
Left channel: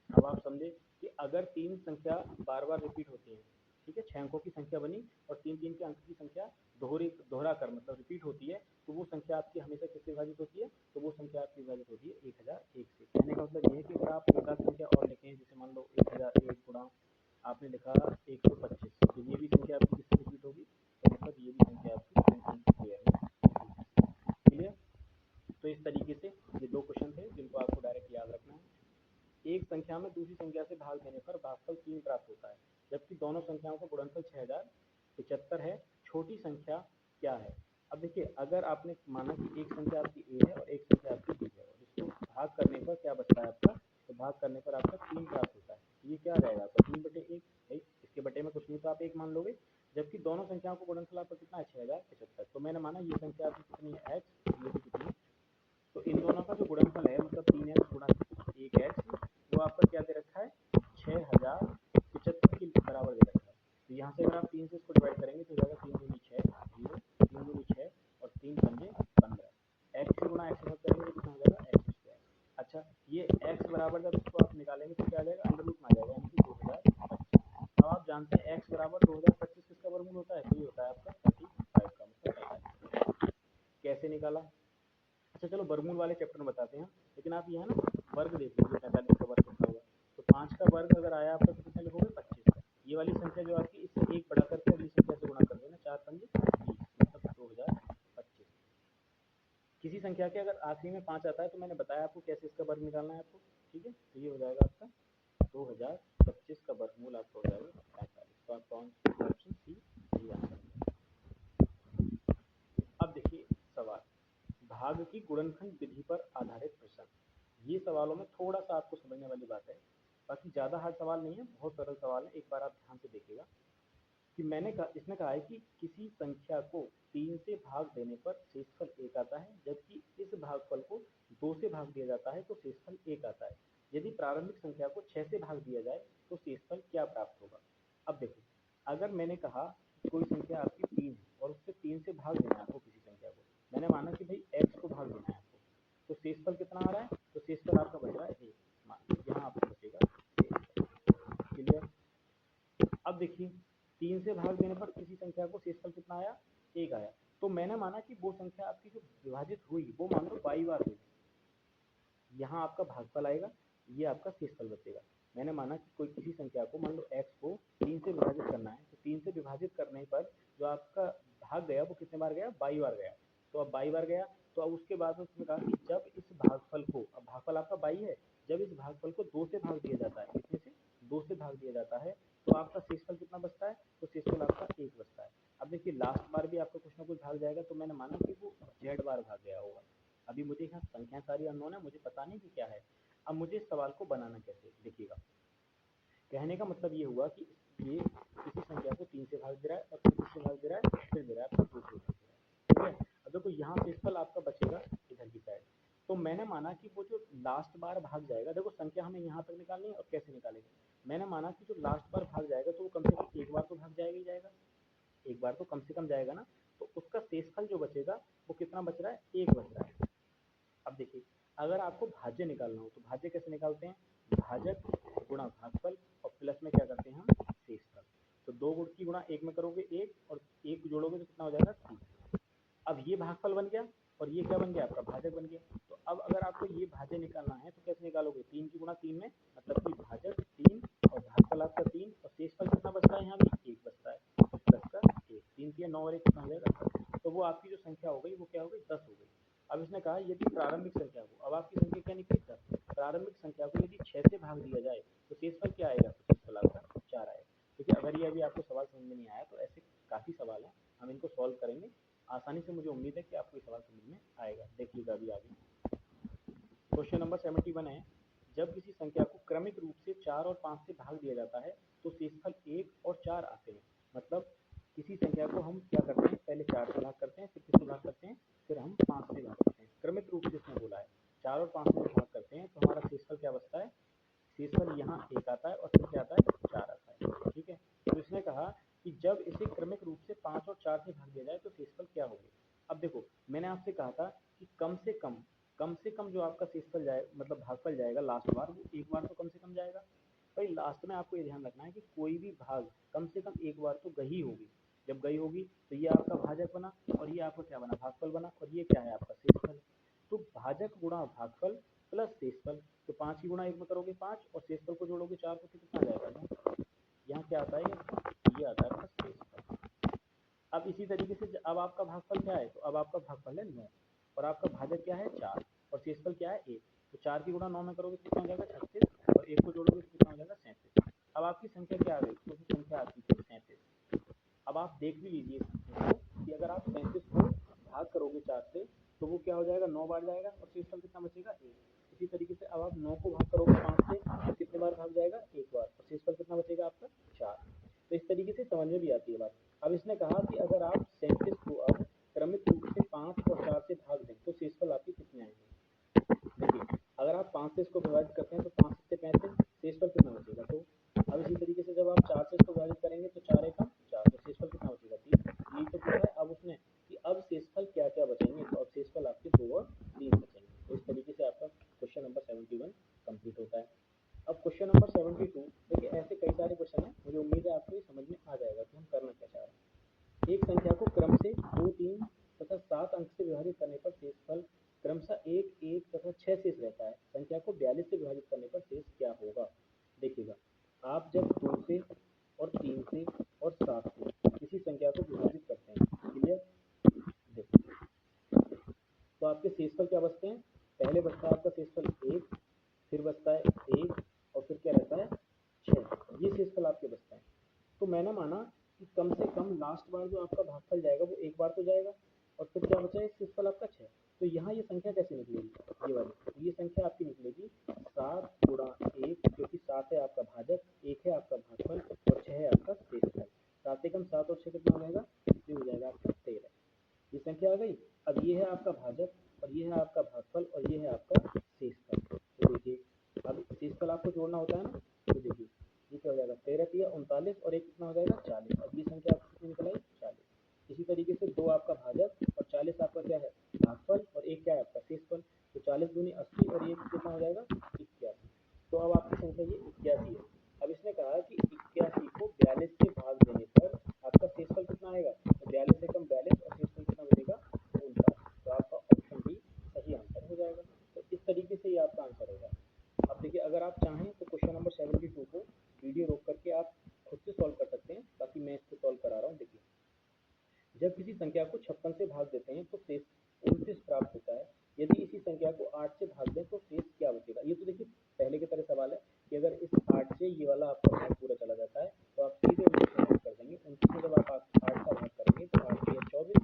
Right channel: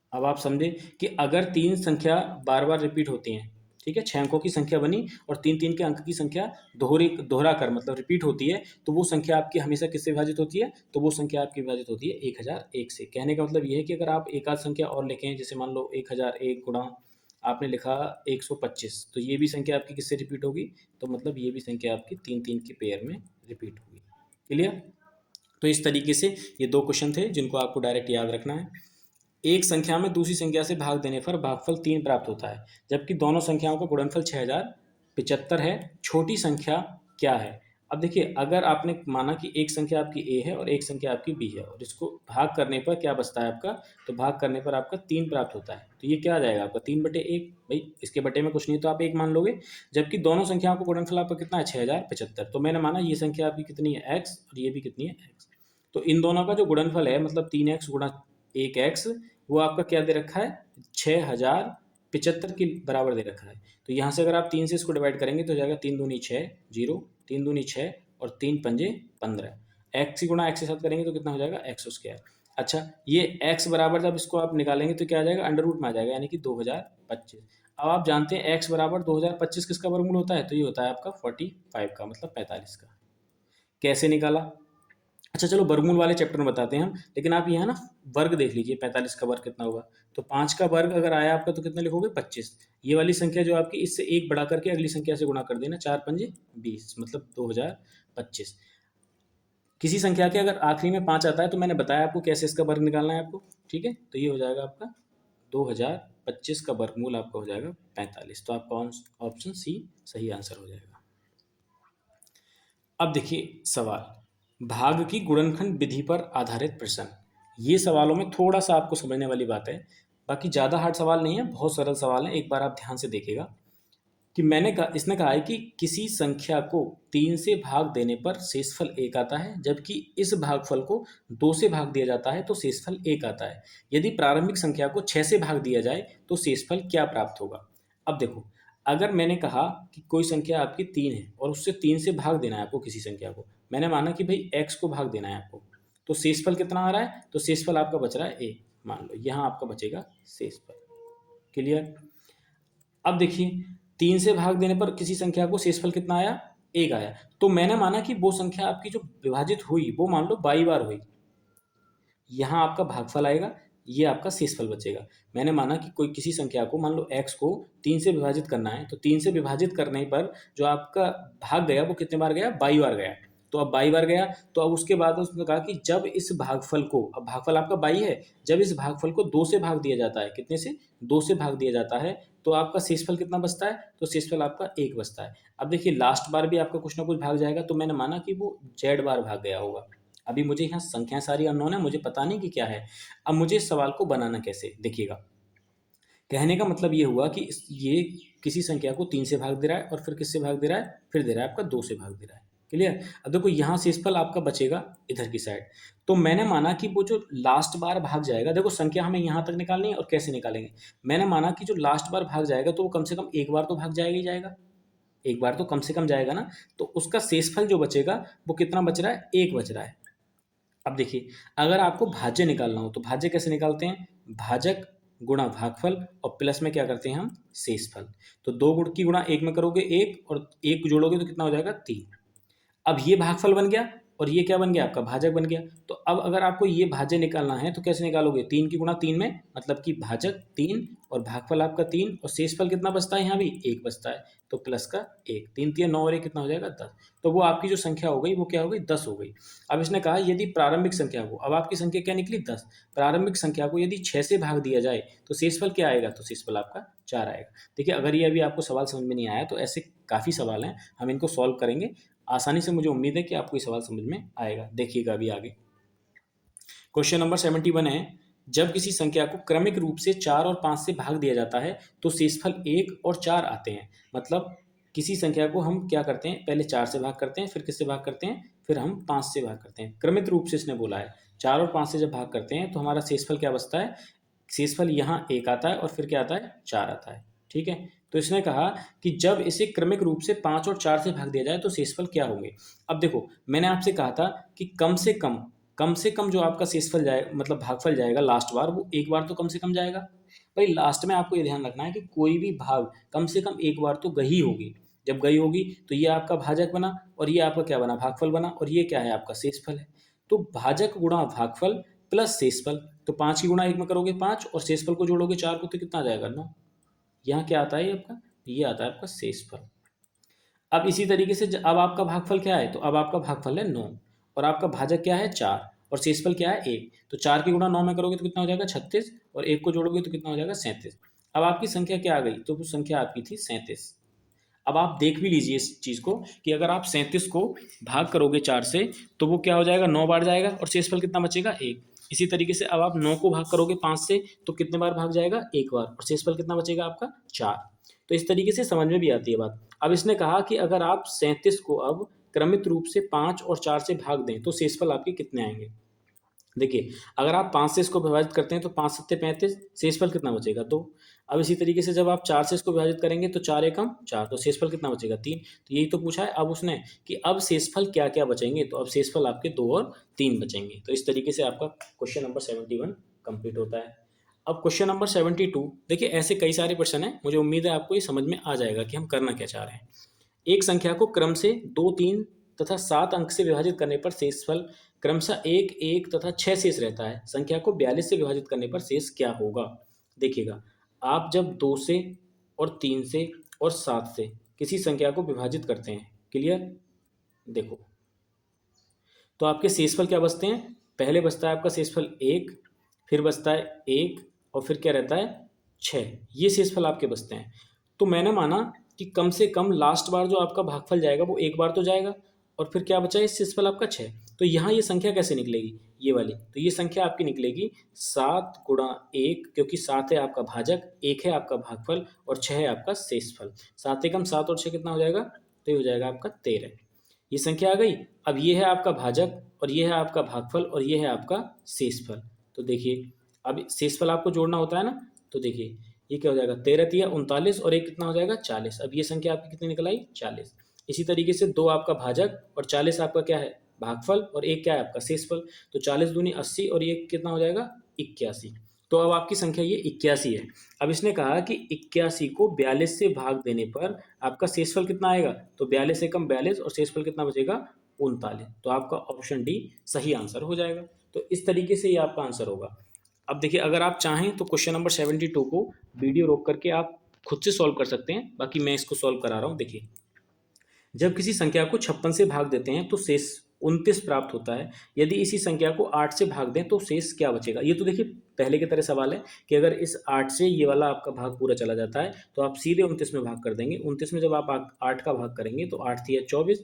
अब आप समझे कि अगर तीन संख्या बार बार रिपीट होती हैं, ठीक है, 6 अंकों की संख्या बनी और तीन तीन के अंक की संख्या दोहरा कर मतलब रिपीट होती है, तो वो संख्या आपकी हमेशा किससे विभाजित होती है? तो वो संख्या आपकी विभाजित होती है 1001 से। कहने का मतलब ये है कि अगर आप एक आध संख्या और लिखें, जैसे मान लो 1001 गुणा आपने लिखा 125, तो ये भी संख्या आपकी किससे रिपीट होगी? तो मतलब ये भी संख्या आपकी तीन तीन के पेयर में रिपीट होगी। क्लियर? तो इस तरीके से ये दो क्वेश्चन थे जिनको आपको डायरेक्ट याद रखना है। एक संख्या में दूसरी संख्या से भाग देने पर भागफल 3 प्राप्त होता है, जबकि दोनों संख्याओं का गुणनफल 6075 है। छोटी संख्या क्या है? अब देखिए, अगर आपने माना कि एक संख्या आपकी ए है और एक संख्या आपकी बी है, और इसको भाग करने पर क्या बचता है आपका? तो भाग करने पर आपका 3 प्राप्त होता है। तो ये क्या आ जाएगा आपका 3/1। भाई इसके बटे में कुछ नहीं तो आप एक मान लोगे। जबकि दोनों संख्याओं का गुणनफल आपका कितना है 6075। तो मैंने माना ये संख्या आपकी कितनी है एक्स, और ये भी कितनी है एक्स। तो इन दोनों का जो गुणनफल है मतलब 3x गुणा 1x, वो आपका क्या दे रखा है 6075 के बराबर दे रखा है। तो यहाँ से अगर आप 3 से इसको डिवाइड करेंगे तो हो जाएगा 3 दूनी 6 जीरो, 3 दूनी 6 और 3 पंजे 15। एक्स गुणा एक्स के साथ करेंगे तो कितना हो जाएगा एक्स स्क्वायर। अच्छा, ये x बराबर जब इसको आप निकालेंगे तो क्या आ जाएगा अंडर रूट में आ जाएगा, यानी कि 2025। अब आप जानते हैं x बराबर 2025 किसका वर्गमूल होता है? तो ये होता है आपका 45 का, मतलब 45 का। कैसे निकाला? अच्छा चलो वर्गमूल वाले चैप्टर में बताते हैं हम, लेकिन आप यहाँ ना वर्ग देख लीजिए 45 का वर्ग कितना होगा। तो 5 का वर्ग अगर आया आपका तो कितना लिखोगे 25। ये वाली संख्या जो आपकी इससे एक बढ़ा करके अगली संख्या से गुणा कर देना, 4 पंजे 20 मतलब 2025। किसी संख्या के अगर आखिरी में 5 आता है तो मैंने बताया आपको कैसे इसका वर्ग निकालना है आपको, ठीक है। तो ये हो जाएगा आपका 2025 का वर्गमूल आपका हो जाएगा 45। तो आपका ऑप्शन सी सही आंसर हो जाएगा। अब देखिए सवाल, भाग की गुणनखंड विधि पर आधारित प्रश्न। ये सवालों में थोड़ा सा आपको समझने वाली बात है, बाकी ज़्यादा हार्ड सवाल नहीं है, बहुत सरल सवाल है। एक बार आप ध्यान से देखिएगा कि इसने कहा है कि किसी संख्या को 3 से भाग देने पर शेषफल 1 आता है, जबकि इस भागफल को 2 से भाग दिया जाता है तो शेषफल 1 आता है। यदि प्रारंभिक संख्या को 6 से भाग दिया जाए तो शेषफल क्या प्राप्त होगा? अब देखो, अगर मैंने कहा कि कोई संख्या आपकी 3 है और उससे 3 से भाग देना है आपको किसी संख्या को, मैंने माना कि भाई x को भाग देना है आपको, तो शेषफल कितना आ रहा है? तो शेषफल आपका बच रहा है a, मान लो यहाँ आपका बचेगा शेषफल। क्लियर? अब देखिए 3 से भाग देने पर किसी संख्या को शेषफल कितना आया? 1 आया। तो मैंने माना कि वो संख्या आपकी जो विभाजित हुई वो मान लो 22 बार हुई, यहाँ आपका भागफल आएगा, ये आपका शेषफल बचेगा। मैंने माना कि कोई किसी संख्या को मान लो x को 3 से विभाजित करना है, तो 3 से विभाजित करने पर जो आपका भाग गया वो कितने बार गया? 22 बार गया। तो अब 22 बार गया, तो अब उसके बाद उसने कहा कि जब इस भागफल को, अब भागफल आपका 22 है, जब इस भागफल को 2 से भाग दिया जाता है, कितने से? 2 से भाग दिया जाता है, तो आपका शेषफल कितना बचता है? तो शेषफल आपका 1 बचता है। अब देखिए लास्ट बार भी आपका कुछ ना कुछ भाग जाएगा, तो मैंने माना कि वो z बार भाग गया होगा। अभी मुझे यहाँ संख्याएं सारी अननोन है, मुझे पता नहीं कि क्या है। अब मुझे इस सवाल को बनाना कैसे, देखिएगा। कहने का मतलब ये हुआ कि ये किसी संख्या को 3 से भाग दे रहा है और फिर किससे भाग दे रहा है? फिर दे रहा है आपका 2 से भाग दे रहा है। क्लियर? अब देखो यहाँ शेषफल आपका बचेगा इधर की साइड। तो मैंने माना कि वो जो लास्ट बार भाग जाएगा, देखो संख्या हमें यहाँ तक निकालनी है और कैसे निकालेंगे। मैंने माना कि जो लास्ट बार भाग जाएगा तो वो कम से कम एक बार तो भाग जाएगा ही जाएगा, एक बार तो कम से कम जाएगा ना। तो उसका शेषफल जो बचेगा वो कितना बच रहा है? 1 बच रहा है। अब देखिए, अगर आपको भाज्य निकालना हो तो भाज्य कैसे निकालते हैं? भाजक गुणा भागफल और प्लस में क्या करते हैं हम? शेषफल। तो 2 गुण की गुणा 1 में करोगे 1 और 1 जोड़ोगे तो कितना हो जाएगा 3। अब ये भागफल बन गया और ये क्या बन गया आपका भाजक बन गया। तो अब अगर आपको ये भाज्य निकालना है तो कैसे निकालोगे, 3 की गुणा 3 में, मतलब कि भाजक 3 और भागफल आपका 3 और शेषफल कितना बचता है, यहाँ भी 1 बचता है, तो प्लस का 1, 3 3 9 और 1 कितना हो जाएगा 10। तो वो आपकी जो संख्या हो गई वो क्या हो गई 10 हो गई। अब इसने कहा यदि प्रारंभिक संख्या को, अब आपकी संख्या क्या निकली 10, प्रारंभिक संख्या को यदि 6 से भाग दिया जाए तो शेषफल क्या आएगा, तो शेषफल आपका 4 आएगा। देखिए अगर ये अभी आपको सवाल समझ में नहीं आया तो ऐसे काफ़ी सवाल हैं, हम इनको सॉल्व करेंगे आसानी से। मुझे उम्मीद है कि आपको ये सवाल समझ में आएगा। देखिएगा अभी आगे क्वेश्चन नंबर 71 है, जब किसी संख्या को क्रमिक रूप से 4 और 5 से भाग दिया जाता है तो शेषफल 1 और 4 आते हैं। मतलब किसी संख्या को हम क्या करते हैं, पहले 4 से भाग करते हैं, फिर किससे भाग करते हैं, फिर हम 5 से भाग करते हैं। क्रमिक रूप से इसने बोला है, 4 और 5 से जब भाग करते हैं तो हमारा शेषफल क्या बचता है, शेषफल यहाँ 1 आता है और फिर क्या आता है 4 आता है। ठीक है, तो इसने कहा कि जब इसे क्रमिक रूप से 5 और 4 से भाग दिया जाए तो शेषफल क्या होंगे। अब देखो मैंने आपसे कहा था कि कम से कम जो आपका शेषफल जाए, मतलब भागफल जाएगा लास्ट बार, वो एक बार तो कम से कम जाएगा। भाई लास्ट में आपको ये ध्यान रखना है कि कोई भी भाग कम से कम एक बार तो गई होगी। जब गई होगी तो ये आपका भाजक बना और ये आपका क्या बना, भागफल बना, और ये क्या है आपका शेषफल है। तो भाजक गुणा भागफल प्लस शेषफल, तो 5 की गुणा 1 में करोगे 5 और शेषफल को जोड़ोगे 4 को तो कितना आ जाएगा 9। यहाँ क्या आता है आपका, ये आता है आपका शेषफल। अब इसी तरीके से अब आपका भागफल क्या है, तो अब आपका भागफल है 9 और आपका भाजक क्या है 4 और शेषफल क्या है 1। तो 4 की गुणा 9 में करोगे तो कितना हो जाएगा 36 और 1 को जोड़ोगे तो कितना हो जाएगा 37। अब आपकी संख्या क्या आ गई, तो वो संख्या आपकी थी 37। अब आप देख भी लीजिए इस चीज़ को कि अगर आप 37 को भाग करोगे 4 से तो वो क्या हो जाएगा 9 बार जाएगा और शेषफल कितना बचेगा 1। इसी तरीके से अब आप 9 को भाग करोगे 5 से तो कितने बार भाग जाएगा 1 बार और शेषफल कितना बचेगा आपका 4। तो इस तरीके से समझ में भी आती है बात। अब इसने कहा कि अगर आप 37 को अब क्रमित रूप से 5 और 4 से भाग दें तो शेषफल आपके कितने आएंगे। देखिए अगर आप 5 से इसको विभाजित करते हैं तो 5 सत्ते 35, शेषफल कितना बचेगा 2। अब इसी तरीके से जब आप 4 से इसको विभाजित करेंगे तो 4 एकम 4, तो शेषफल कितना बचेगा 3। तो यही तो पूछा है अब उसने कि अब शेषफल क्या क्या बचेंगे, तो अब शेषफल आपके 2 और 3 बचेंगे। तो इस तरीके से आपका क्वेश्चन नंबर 71 कंप्लीट होता है। अब क्वेश्चन नंबर 72, देखिए ऐसे कई सारे प्रश्न हैं, मुझे उम्मीद है आपको ये समझ में आ जाएगा कि हम करना क्या चाह रहे हैं। एक संख्या को क्रम से 2, 3 तथा 7 अंक से विभाजित करने पर शेषफल क्रमशः 1, 1 तथा 6 शेष रहता है। संख्या को 42 से विभाजित करने पर शेष क्या होगा। देखिएगा आप जब 2 से और 3 से और 7 से किसी संख्या को विभाजित करते हैं, क्लियर, देखो तो आपके शेषफल क्या बचते हैं, पहले बचता है आपका शेषफल 1, फिर बचता है 1 और फिर क्या रहता है 6, ये शेषफल आपके बचते हैं। तो मैंने माना कि कम से कम लास्ट बार जो आपका भागफल जाएगा वो एक बार तो जाएगा और फिर क्या बचा है शेषफल आपका 6। तो यहाँ ये संख्या कैसे निकलेगी, ये वाली, तो ये संख्या आपकी निकलेगी 7 गुणा 1, क्योंकि 7 है आपका भाजक, 1 है आपका भागफल और 6 है आपका शेषफल। 7 एकम 7 और 6 कितना हो जाएगा, तो ये हो जाएगा आपका 13। ये संख्या आ गई। अब ये है आपका भाजक और ये है आपका भागफल और ये है आपका शेषफल। तो देखिए अब शेषफल आपको जोड़ना होता है ना, तो देखिए ये क्या हो जाएगा 13 तिया 39 और एक कितना हो जाएगा 40। अब ये संख्या आपकी कितनी निकल आई 40। इसी तरीके से 2 आपका भाजक और 40 आपका क्या है भागफल और एक क्या है आपका शेषफल। तो 40 दूनी 80 और ये कितना हो जाएगा 81। तो अब आपकी संख्या ये 81 है। अब इसने कहा कि 81 को 42 से भाग देने पर आपका शेषफल कितना आएगा, तो 42 एकम 42 और शेषफल कितना बचेगा 39। तो आपका ऑप्शन डी सही आंसर हो जाएगा। तो इस तरीके से ये आपका आंसर होगा। अब देखिए अगर आप चाहें तो क्वेश्चन नंबर 72 को वीडियो रोक करके आप खुद से सॉल्व कर सकते हैं, बाकी मैं इसको सॉल्व करा रहा हूँ। देखिए जब किसी संख्या को 56 से भाग देते हैं तो शेष 29 प्राप्त होता है। यदि इसी संख्या को 8 से भाग दें तो शेष क्या बचेगा। ये तो देखिए पहले की तरह सवाल है कि अगर इस 8 से ये वाला आपका भाग पूरा चला जाता है तो आप सीधे 29 में भाग कर देंगे। 29 में जब आप 8 का भाग करेंगे तो 8 तिया 24,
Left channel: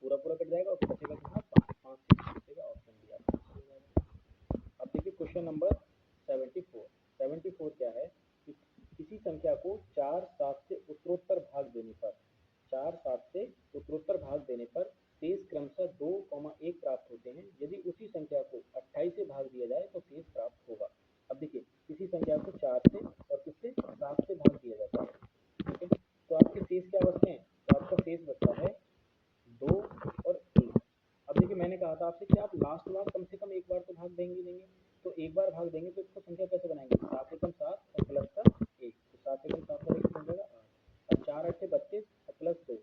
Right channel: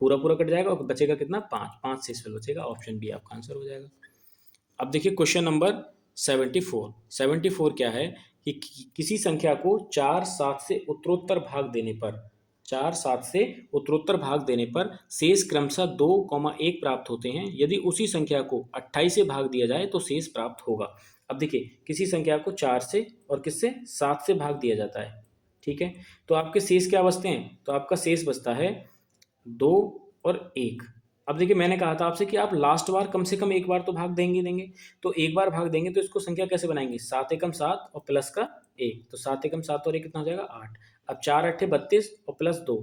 पूरा पूरा कट जाएगा और बचेगा कितना 5, 5 शेष में बचेगा। ऑप्शन बी आपका आंसर हो जाएगा। अब देखिए क्वेश्चन नंबर 74 क्या है कि किसी संख्या को 4, 7 से उत्तरोत्तर भाग देने पर 4, 7 से उत्तरोत्तर भाग देने पर शेष क्रमशः 2, 1 प्राप्त होते हैं। यदि उसी संख्या को 28 से भाग दिया जाए तो शेष प्राप्त होगा। अब देखिए किसी संख्या को 4 से और किससे 7 से भाग दिया जाता है, ठीक है, तो आपके शेष क्या बचते हैं, तो आपका शेष बचता है 2 और 1। अब देखिए मैंने कहा था आपसे कि आप लास्ट बार कम से कम एक बार तो भाग देंगे, तो एक बार भाग देंगे तो इसको संख्या कैसे बनाएंगे 7 एकम 7 और प्लस का 1, तो 7 एकम 7 और 1 कितना हो जाएगा 8। अब 4 अट्ठे 32 और प्लस 2,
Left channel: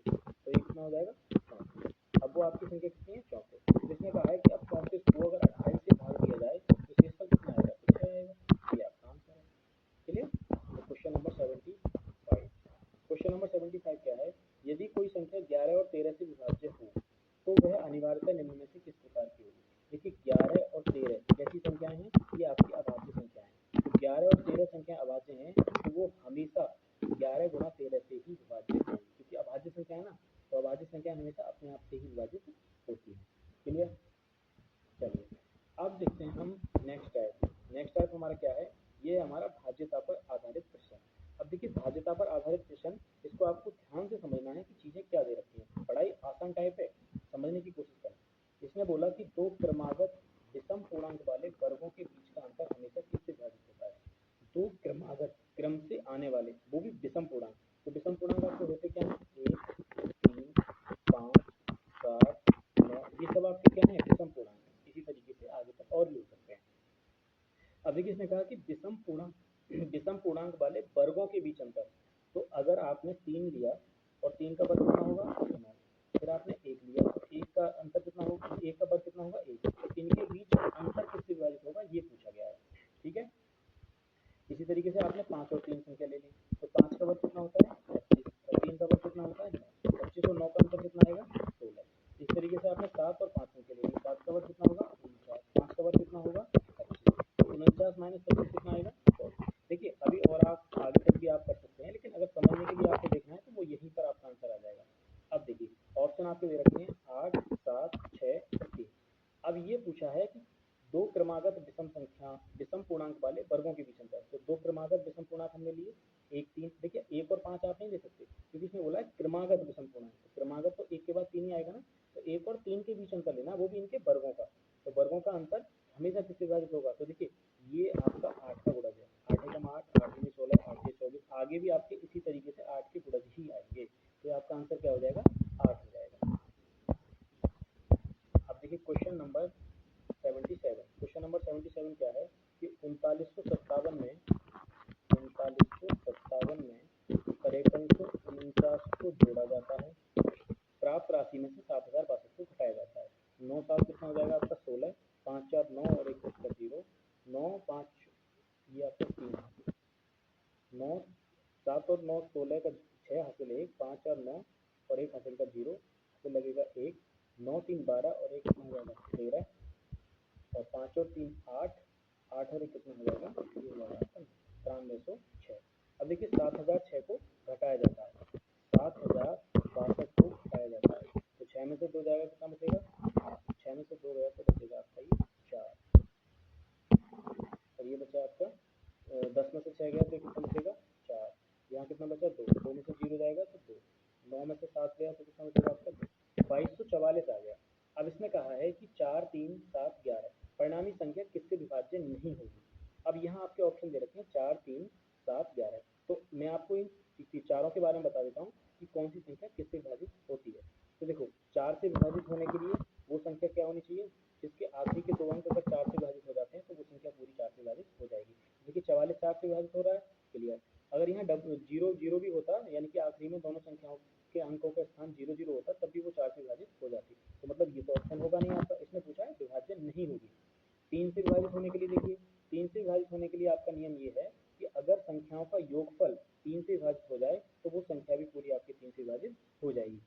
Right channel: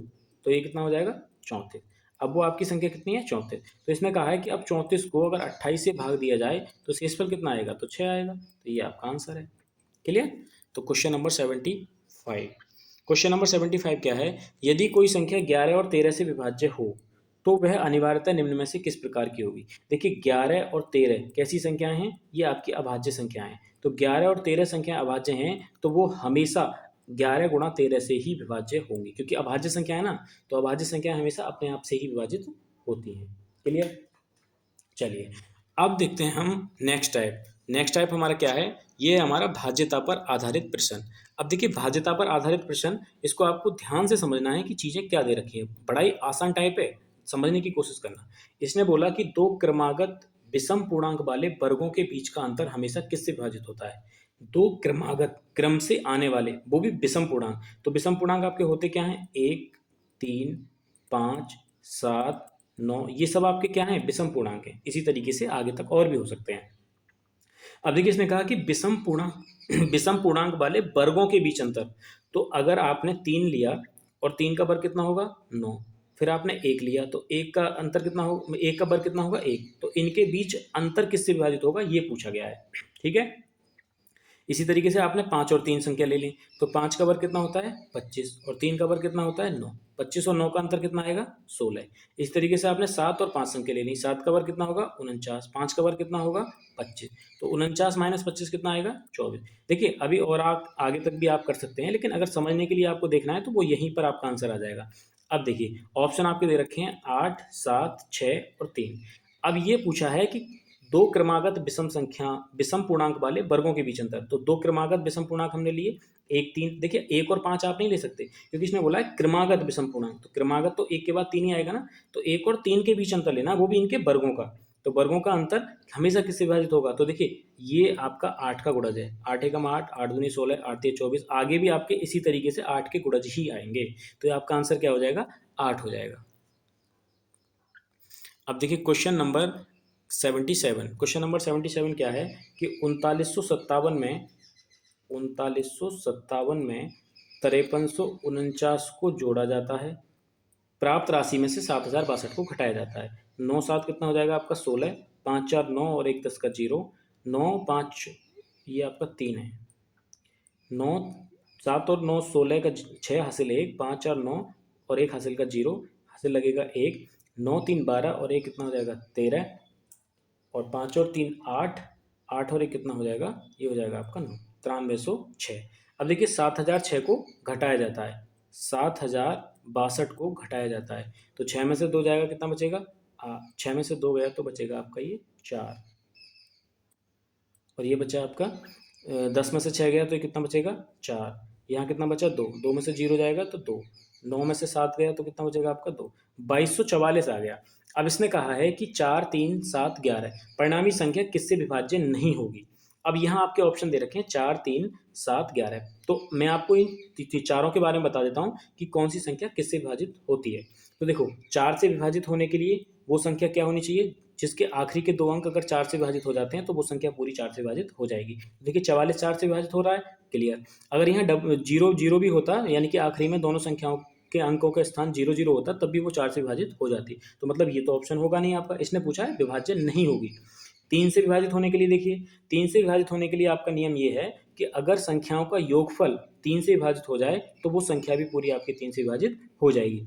तो ये कितना हो जाएगा 34। अब वो आपकी संख्या कितनी है 34। तो इसने कहा है कि अब 34 को अगर 28 से भाग दिया जाए तो शेषफल कितना आएगा, तो 6 आएगा। तो ये आपका आंसर है। क्लियर। तो क्वेश्चन नंबर 75। क्वेश्चन नंबर 75 क्या है, यदि कोई संख्या 11 और 13 से विभाज्य हो तो वह अनिवार्यतः निम्न में से किस प्रकार की होगी। देखिए 11 और 13 कैसी संख्याएं हैं, ये आपकी अभाज्य संख्याएं हैं। तो 11 और 13 संख्या अभाज्य हैं तो वो हमेशा 11 गुणा 13 से ही विभाज्य होंगी, क्योंकि अभाज्य संख्या है ना, तो अभाज्य संख्या हमेशा अपने आप से ही विभाजित होती हैं। क्लियर। चलिए अब देखते हैं हम नेक्स्ट टाइप। नेक्स्ट टाइप हमारा क्या है, ये हमारा भाज्यता पर आधारित प्रश्न। अब देखिए भाज्यता पर आधारित प्रश्न, इसको आपको ध्यान से समझना है कि चीज़ें क्या दे रखी हैं। बड़ा ही आसान टाइप है, समझने की कोशिश करना। इसने बोला कि दो क्रमागत विषम पूर्णांक वाले वर्गों के बीच का अंतर हमेशा किससे विभाजित होता है। दो क्रमागत क्रम से आने वाले, वो भी विषम पूर्णांक। तो विषम पूर्णांक आपके होते क्या हैं, 1, 3, 5, 7, 9, ये सब आपके क्या हैं, विषम पूर्णांक हैं। इसी तरीके से आगे तक और भी हो सकते हैं। अब देखिए इसने कहा कि विषम पूर्णांक विषम पूर्णांक वाले वर्गों के बीच अंतर। तो अगर आपने 3 लिया और 3 का वर्ग कितना होगा 9, फिर आपने 1 लिया तो 1 का अंतर कितना होगा, 1 का वर्ग कितना होगा 1, तो इनके बीच अंतर किससे विभाजित होगा ये पूछा गया है। ठीक है। इसी तरीके से आपने 5 और 3 संख्या ले ली, तो 5 का वर्ग कितना होता है 25 और 3 का वर्ग कितना होता है 9, 25 और 9 का अंतर कितना आएगा 16। इस तरीके से आपने 7 और 5 संख्या ले ली, 7 का वर्ग कितना होगा 49, 5 का वर्ग कितना होगा 25, तो 49 माइनस 25 कितना आएगा 24। देखिए अभी और आप आगे तक भी आप कर सकते हैं, लेकिन अगर समझने के लिए आपको देखना है तो वो यहीं पर आपका आंसर आ जाएगा। अब देखिए ऑप्शन आपके दे रखे हैं 8, 7, 6 और 3। अब ये पूछा है कि दो क्रमागत विषम संख्या विषम पूर्णांक वाले वर्गों के बीच अंतर। तो दो क्रमागत विषम पूर्णांक हमने लिए, 1, 3। देखिए 1 और 5 आप नहीं ले सकते, क्योंकि इसने बोला है क्रमागत विषम पूर्णांक। तो क्रमागत तो 1 के बाद 3 ही आएगा ना, तो 1 और 3 के बीच अंतर लेना, वो भी इनके वर्गों का। तो वर्गों का अंतर हमेशा किससे विभाजित होगा, तो देखिए ये आपका 8 का गुणज है, 8 एकम 8, 8 दूनी 16, 8 तिया 24। आगे भी आपके इसी तरीके से 8 के गुणज ही आएंगे, तो ये आपका आंसर क्या हो जाएगा 8 हो जाएगा। अब देखिए क्वेश्चन नंबर 77। क्वेश्चन नंबर 77 क्या है कि 3957 में 5349 को जोड़ा जाता है, प्राप्त राशि में से 7062 को घटाया जाता है। 9 7 कितना हो जाएगा आपका 16, 5 4 9 और 1 10 का 0, 9 5 ये आपका 3 है, 9 7 और 9 16 का 6 हासिल 1, 5 और 9 और 1 हासिल का 0, हासिल लगेगा 1, 9 3 12 और 1 कितना हो जाएगा 13, और 5 और 3 8, 8 और 1 कितना हो जाएगा, ये हो जाएगा आपका 9, 9306। अब देखिए 7006 को घटाया जाता है, 7062 को घटाया जाता है, तो 6 में से 2 जाएगा कितना बचेगा, 6 में से 2 गया तो बचेगा आपका ये 4, और ये बचा आपका 10 में से 6 गया तो ये कितना बचेगा 4, यहाँ कितना बचा 2, 2 में से 0 जाएगा तो 2, 9 में से 7 गया तो कितना बचेगा आपका 2, 2244 आ गया। अब इसने कहा है कि 4 3 7 11 परिणामी संख्या किससे विभाज्य नहीं होगी। अब यहाँ आपके ऑप्शन दे रखे हैं 4 3 7 11, तो मैं आपको इन चारों के बारे में बता देता हूँ कि कौन सी संख्या किससे विभाजित होती है। तो देखो 4 से विभाजित होने के लिए वो संख्या क्या होनी चाहिए, जिसके आखिरी के 2 अंक अगर 4 से विभाजित हो जाते हैं तो वो संख्या पूरी 4 से विभाजित हो जाएगी। देखिए 44 4 से विभाजित हो रहा है, क्लियर। अगर यहाँ 0 0 भी होता, यानी कि आखिरी में दोनों संख्याओं के अंकों का स्थान 0 0 होता, तब भी वो 4 से विभाजित हो जाती। तो मतलब ये तो ऑप्शन होगा नहीं आपका, इसने पूछा है विभाज्य नहीं होगी। 3 से विभाजित होने के लिए देखिए, 3 से विभाजित होने के लिए आपका नियम ये है कि अगर संख्याओं का योगफल 3 से विभाजित हो जाए तो वो संख्या भी पूरी आपकी 3 से विभाजित हो जाएगी।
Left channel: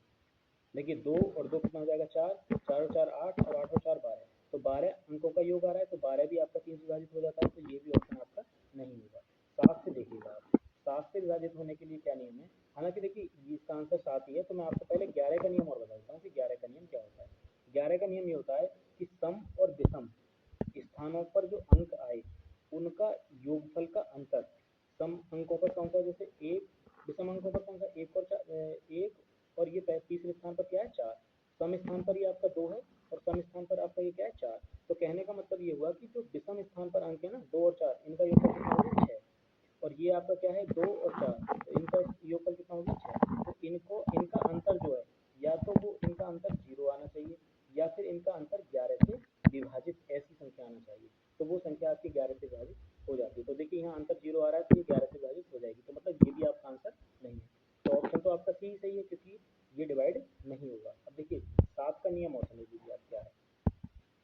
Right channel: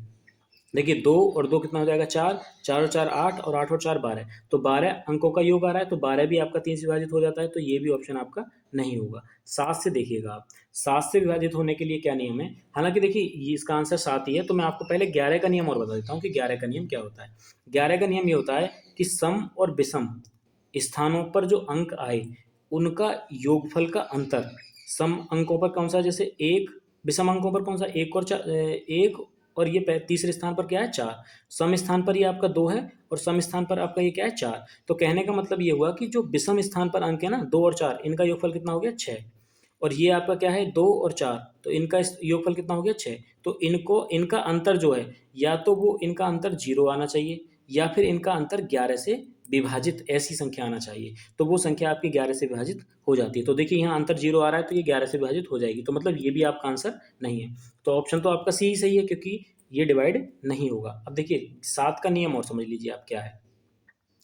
देखिए 2 और 2 कितना हो जाएगा 4, 4 और 4 8 और 8 और 4 12, तो 12 अंकों का योग आ रहा है, तो 12 भी आपका 3 से विभाजित हो जाता है, तो ये भी ऑप्शन आपका नहीं होगा। 7 से देखिएगा आप, 7 से विभाजित होने के लिए क्या नियम है, हालांकि देखिए ये इसका आंसर 7 ही है, तो मैं आपको पहले 11 का नियम और बता देता हूँ कि 11 का नियम क्या होता है। 11 का नियम ये होता है कि सम और विषम स्थानों पर जो अंक आए उनका योगफल का अंतर सम अंकों पर कौन सा, जैसे एक, विषम अंकों पर कौन सा, एक और 4, एक और ये तीसरे स्थान पर क्या है 4, सम स्थान पर ये आपका 2 है और सम स्थान पर आपका ये क्या है 4। तो कहने का मतलब ये हुआ कि जो विषम स्थान पर अंक है ना 2 और 4, इनका योगफल कितना हो गया 6, और ये आपका क्या है 2 और 4, तो इनका योगफल कितना हो गया 6। तो इनको इनका अंतर जो है, या तो वो इनका अंतर 0 आना चाहिए, या फिर इनका अंतर 11 से विभाजित ऐसी संख्या आना चाहिए। तो वो संख्या आपकी 11 से विभाजित हो जाती है। तो देखिए यहाँ अंतर 0 आ रहा है तो ये 11 से विभाजित हो जाएगी, तो मतलब ये भी आपका आंसर नहीं है। तो ऑप्शन तो आपका सी ही सही है, क्योंकि ये डिवाइड नहीं होगा। अब देखिए 7 का नियम और समझ लीजिए आप क्या है।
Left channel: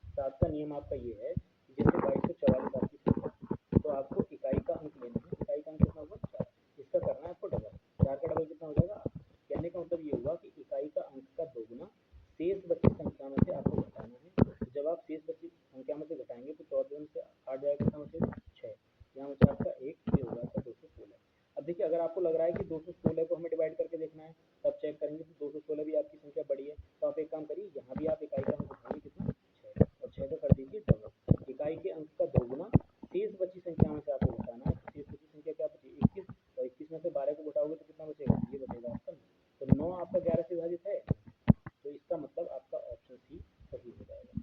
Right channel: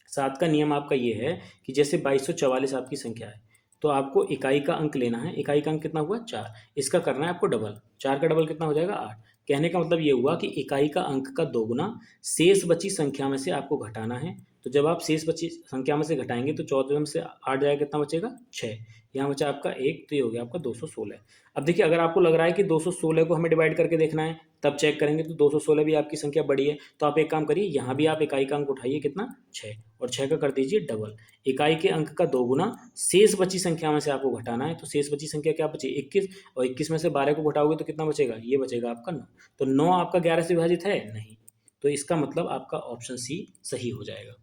7 का नियम आपका ये है कि जैसे 2244 आपकी संख्या है, तो आपको इकाई का अंक लेना है। इकाई का अंक कितना हुआ 4, इसका करना है आपको डबल। 4 का डबल कितना हो जाएगा 8। कहने का मतलब ये हुआ कि इकाई का अंक का दोगुना शेष बची संख्या में से आपको घटाना है। तो जब आप शेष बची संख्या में से घटाएंगे तो 14 में से 8 जाएगा, कितना बचेगा 6। यहाँ बचा आपका 1, तो ये हो गया आपका 216। अब देखिए अगर आपको लग रहा है कि 216 को हमें डिवाइड करके देखना है, तब चेक करेंगे तो 216 भी आपकी संख्या बड़ी है। तो आप एक काम करिए, यहाँ भी आप इकाई का अंक उठाइए, कितना 6, और 6 का कर दीजिए डबल। इकाई के अंक का दोगुना शेष बची संख्या में से आपको घटाना है। तो शेष बची संख्या क्या बची 21, और 21 में से 12 को घटाओगे तो कितना बचेगा, ये बचेगा आपका 9। तो 9 आपका 11 से विभाजित है नहीं, तो इसका मतलब आपका ऑप्शन सी सही हो जाएगा।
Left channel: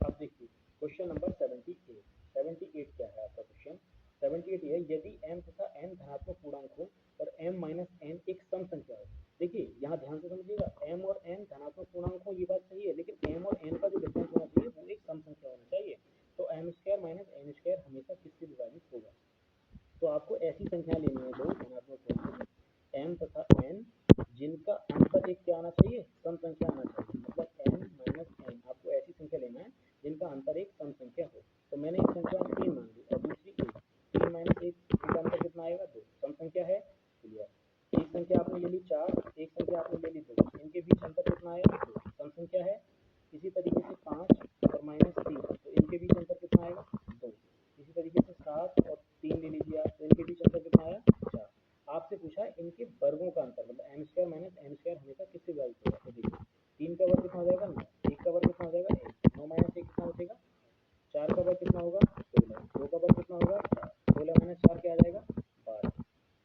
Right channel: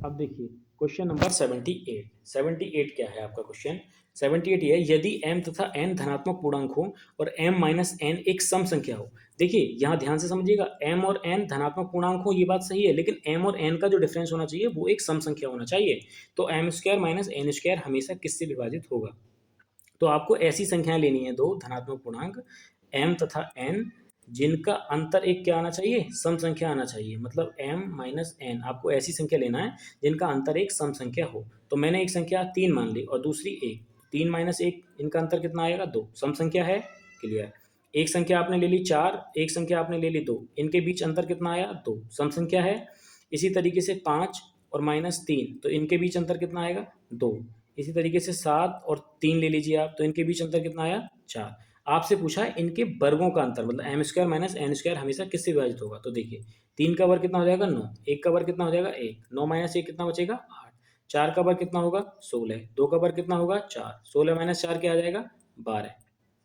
अब देखिए क्वेश्चन नंबर 78। 78 क्या है आपका क्वेश्चन। 78 ये है, यदि m तथा n धनात्मक पूर्णांक हो और m माइनस n एक सम संख्या हो। देखिए यहाँ ध्यान से समझिएगा, m और n धनात्मक पूर्णांक हो ये बात सही है, लेकिन m और n का जो डिफरेंस होना चाहिए वो एक सम संख्या होना चाहिए। तो m square minus n square हमेशा किससे विभाजित होगा। तो आपको ऐसी संख्याएं लेनी है, दो धनात्मक पूर्णांक m तथा n, जिनका अंतर एक क्या आना चाहिए, सम संख्या आना चाहिए। मतलब m माइनस n, आपको ऐसी संख्या लेना है जिनका अंतर एक सम संख्या हो। तो मैंने एक संख्या 3 मान ली और दूसरी 1, 3 माइनस 1, इनका अंतर कितना आएगा 2, सम संख्या है, क्लियर। एक संख्या आपने ले ली 4, एक संख्या आपने ले ली 2, इनके बीच अंतर कितना आया 2, सम संख्या है। इसी तरीके से 5 और माइनस 3, तो इनके बीच अंतर कितना आएगा 2। इसी तरीके से 7 और 3 ले लीजिए आप, तो इनके बीच अंतर कितना आया 4। आपसे पूछा है इनके वर्गों का अंतर, मतलब M square minus N square हमेशा किससे विभाजित होगा। तो देखिए 3 का वर्ग कितना हो जाएगा 9, 1 का वर्ग कितना हो जाएगा 1, 9 माइनस 1 कितना बचेगा 8, 4 का वर्ग कितना होगा 16, 2 का वर्ग कितना होगा 4, 16 माइनस 4 क्या आ जाएगा 12,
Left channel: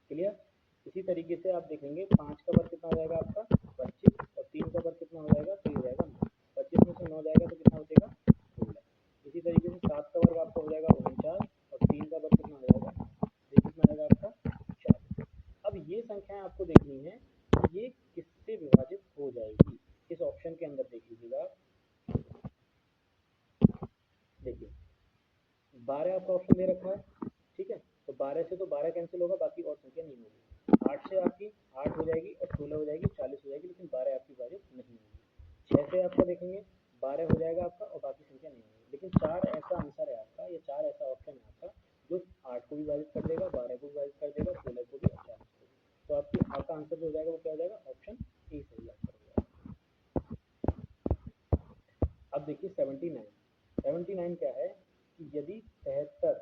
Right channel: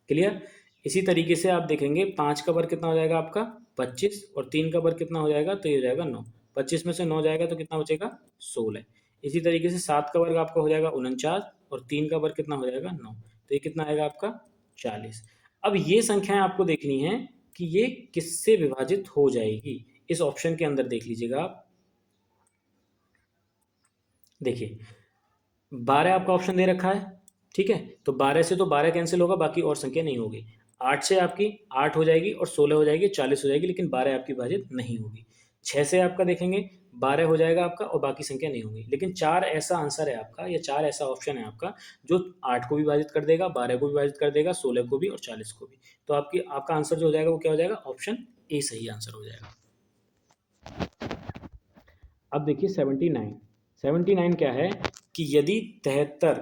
क्लियर। इसी तरीके से आप देखेंगे 5 का वर्ग कितना हो जाएगा आपका 25, और 3 का वर्ग कितना हो जाएगा, तो ये हो जाएगा 9, 25 में से 9 जाएगा तो कितना बचेगा 16। इसी तरीके से 7 का वर्ग आपका हो जाएगा 49, और 3 का वर्ग कितना हो जाएगा 9, तो ये कितना आएगा आपका 40। अब ये संख्याएं आपको देखनी है कि ये किससे विभाजित हो जाएगी। इस ऑप्शन के अंदर देख लीजिएगा आप, देखिए 12 आपका ऑप्शन दे रखा है, ठीक है। तो 12 से तो 12 कैंसिल होगा, बाकी और संख्या नहीं होगी। 8 से आपकी 8 हो जाएगी और 16 हो जाएगी, 40 हो जाएगी, लेकिन 12 आपकी विभाजित नहीं होगी। 6 से आपका देखेंगे 12 हो जाएगा आपका और बाकी संख्या नहीं होगी। लेकिन 4 ऐसा आंसर है आपका, या 4 ऐसा ऑप्शन है आपका जो 8 को भी विभाजित कर देगा, 12 को भी विभाजित कर देगा, 16 को भी और 40 को भी। तो आपका आंसर जो हो जाएगा वो क्या हो जाएगा, ऑप्शन ए सही आंसर हो जाएगा। अब देखिए 79। 79 क्या है कि यदि 73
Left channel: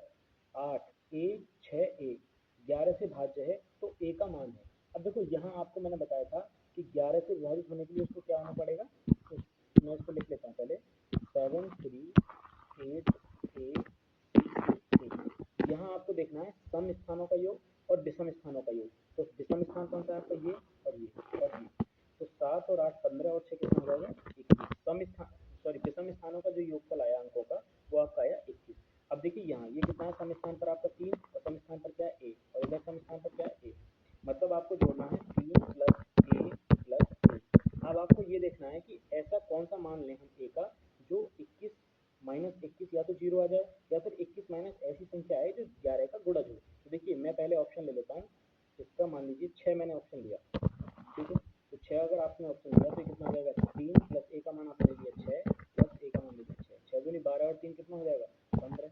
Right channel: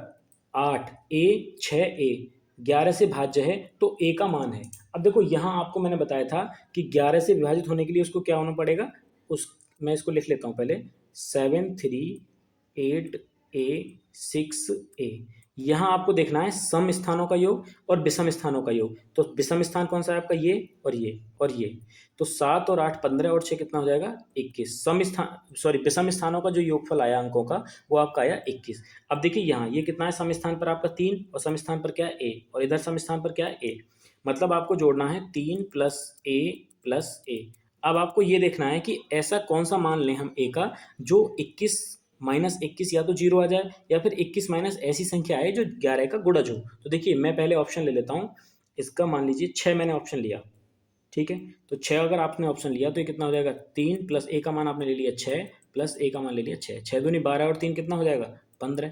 8 ए 6 ए 11 से भाज्य है तो ए का मान है। अब देखो यहाँ आपको मैंने बताया था कि 11 से विभाजित होने के लिए उसको क्या होना पड़ेगा, मैं इसको लिख लेता हूँ पहले, 7 3 8 ए 6 ए। यहाँ आपको देखना है सम स्थानों का योग और विषम स्थानों का योग। तो विषम स्थान कौन सा है आपका, ये और ये और ये। तो 7 और 8 15 और 6 कितना हो जाएगा 21। सम स्थान सॉरी विषम स्थानों का जो योगफल आया अंकों का वो आपका आया 21। अब देखिए यहाँ ये कितना है, सम स्थान पर आपका 3 और सम स्थान पर क्या है ए, और इधर सम स्थान पर क्या है ए। मतलब आपको जोड़ना है 3 प्लस ए प्लस ए। अब आपको ये देखना है कि ऐसा कौन सा मान लें हम ए का जो 21 माइनस 21 या तो 0 आ जाए, या फिर 21 माइनस ऐसी संख्या आए जो 11 का गुणज हो। तो देखिए मैं पहले ऑप्शन ले लेता हूँ, इसका मान लीजिए 6 मैंने ऑप्शन लिया, ठीक है। तो 6 अगर आपने ऑप्शन लिया तो ये कितना हो जाएगा 3 प्लस ए का मान आपने ले लिया 6 प्लस ए का मान ले लिया 6, 6 दूनी 12 और 3 कितना हो जाएगा 15।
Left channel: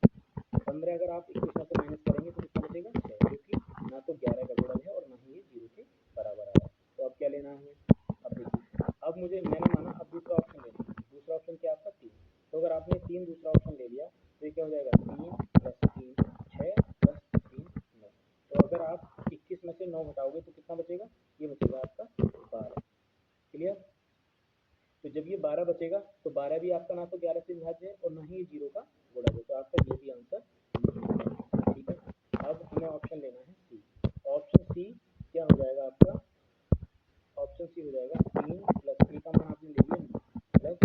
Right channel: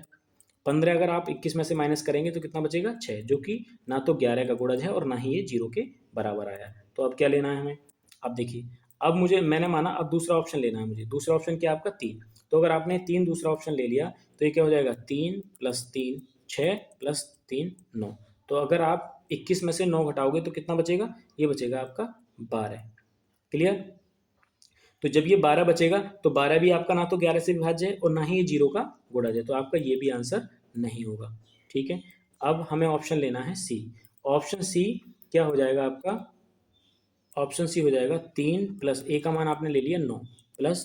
15 अगर आप 21 में से माइनस करेंगे तो कितना बचेगा 6, जो कि ना तो 11 का गुणज है और ना ही ये 0 के बराबर आया। तो अब क्या लेना है हमें, अब देखिए अब मैंने माना अब दूसरा ऑप्शन लेना है मुझे। दूसरा ऑप्शन क्या आपका 3। तो अगर आपने 3 दूसरा ऑप्शन ले लिया तो ये क्या हो जाएगा 3 प्लस 3 6 प्लस 3 9। तो अगर आप 21 में से 9 घटाओगे तो कितना बचेगा, ये बचेगा आपका 12, क्लियर। तो जब ये 12 बचेगा तो 12 भी आपका ना तो 11 से विभाज्य है और ना ही ये 0 का गुणज है, तो आपका ये भी आंसर नहीं होगा, ठीक है। अब हमें ऑप्शन लेना है सी। ऑप्शन सी क्या हो जाएगा आपका, ऑप्शन सी हो जाएगा 3 प्लस ए का मान आपने ले लिया 9 प्लस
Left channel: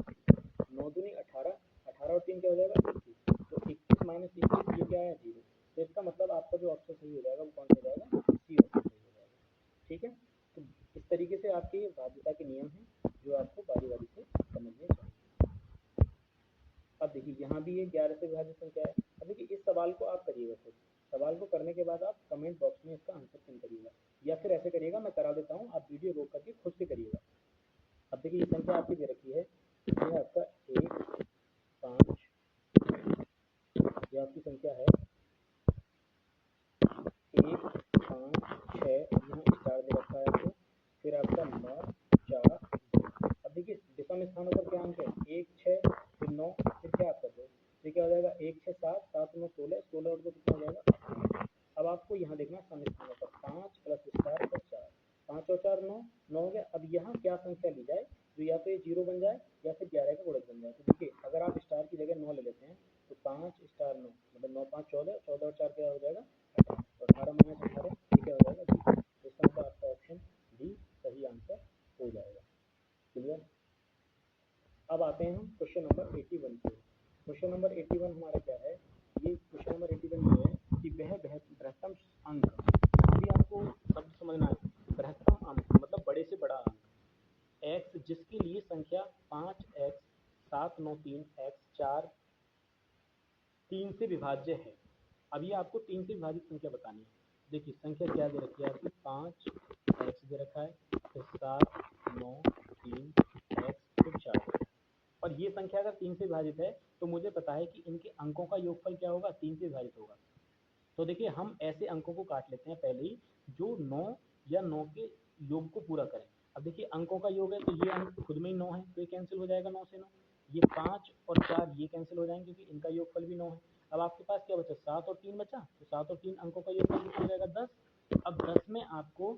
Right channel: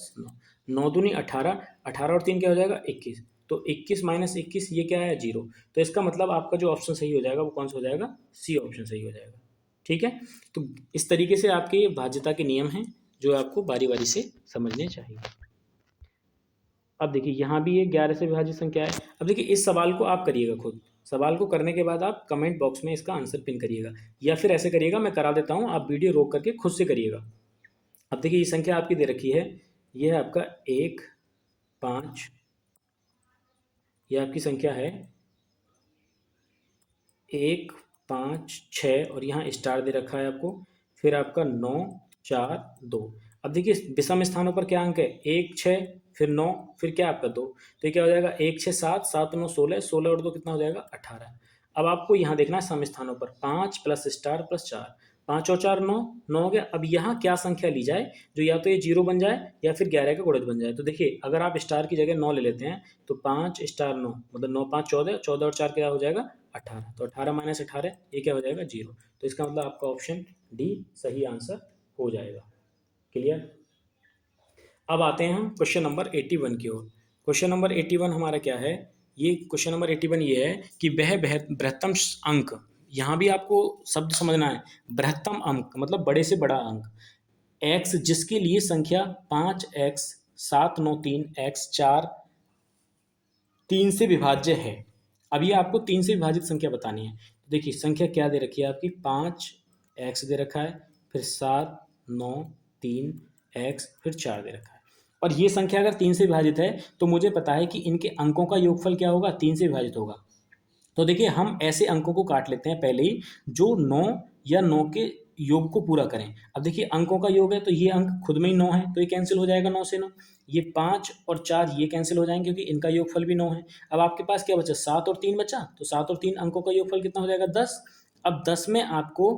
9 दूनी 18, 18 और 3 क्या हो जाएगा 21। तो 21 माइनस 21 ये क्या है 0। तो इसका मतलब आपका जो ऑप्शन सही हो जाएगा वो कौन सा हो जाएगा, सी ऑप्शन सही हो जाएगा। ठीक है। तो इस तरीके से आपके भाज्यता के नियम हैं जो आपको बारी बारी से समझने चाहिए। अब देखिए यहाँ भी ये 11 से विभाजित संख्या है। अब देखिए इस सवाल को आप करिएगा खुद। सवाल को करने के बाद आप कमेंट बॉक्स में इसका आंसर पिन करिएगा, या फिर ऐसे करिएगा, मैं करा देता हूँ, आप वीडियो रोक करके खुद से करिएगा। अब देखिए ये संख्या आपकी दे रखी है, ये है आपका 1 5, ये आपकी संख्या है 1 5 6 और यहाँ स्टार दे रखा है आपको, फिर आपका 9 4 2। अब देखिए विषम स्थानों पर क्या अंक है, 1 6 फिर 9 फिर क्या आपका 2, तो ये क्या हो जाएगा 1 6 7 7 9 16, 16 और 2 कितना हो जाएगा 18। अब आपको यहाँ देखना है सम स्थानों पर 5 प्लस स्टार प्लस 4, 5 और 4 9, 9 हो गया। अब यहाँ क्या संख्या ली जाए जो या तो ये 0 बन जाए या फिर 11 का गुणज बन जाए। तो देखिए अगर आप स्टार की जगह 9 ले लेते हैं तो 5 स्टार 9 मतलब 9 5 14, 14 और 4 क्या हो जाएगा 18, तो 18 माइनस 18 ये क्या हो जाएगा 0। तो इसका मतलब आपका ऑप्शन डी सही आंसर हो जाएगा। क्लियर। अब आते हैं हम क्वेश्चन नंबर 81 की ओर। क्वेश्चन नंबर 81 हमारा क्या है, ये क्वेश्चन नंबर 81 ये है कि वह बृहत्तम अंक, यहाँ भी आपको शब्द समझना है, बृहत्तम अंक मतलब बड़े से बड़ा अंक x जिसके लिए संख्या 5x 793 x 4 3 से विभाज्य है। अब ये आपको 3 से विभाजित संख्या बतानी है। तो देखिए संख्या क्या दे रखी है आपकी, 5x दे रखा है, फिर 7 9 3 x फिर 4 दे रखा है। और ये संख्या अगर 3 से विभाजित है तो मुझे पता है कि इनके अंकों का योगफल क्या होगा, 3 से विभाजित होगा। तो देखिए हम ऐसे अंकों को काट लेते हैं पहले ही जो 9 या 9 के योग को पूरा करें। अब देखिए अंकों का योग है तो ये अंक खुद में ही 9 है, तो ये कैंसिल हो जाएगा 9 से 9। ये 5 और 4 ये कैंसिल हो जाएंगे क्योंकि इनका योगफल भी 9 है। अब आपके पास क्या बचा, 7 और 3 बचा, तो 7 और 3 अंकों का योगफल कितना हो जाएगा 10। अब 10 में आपको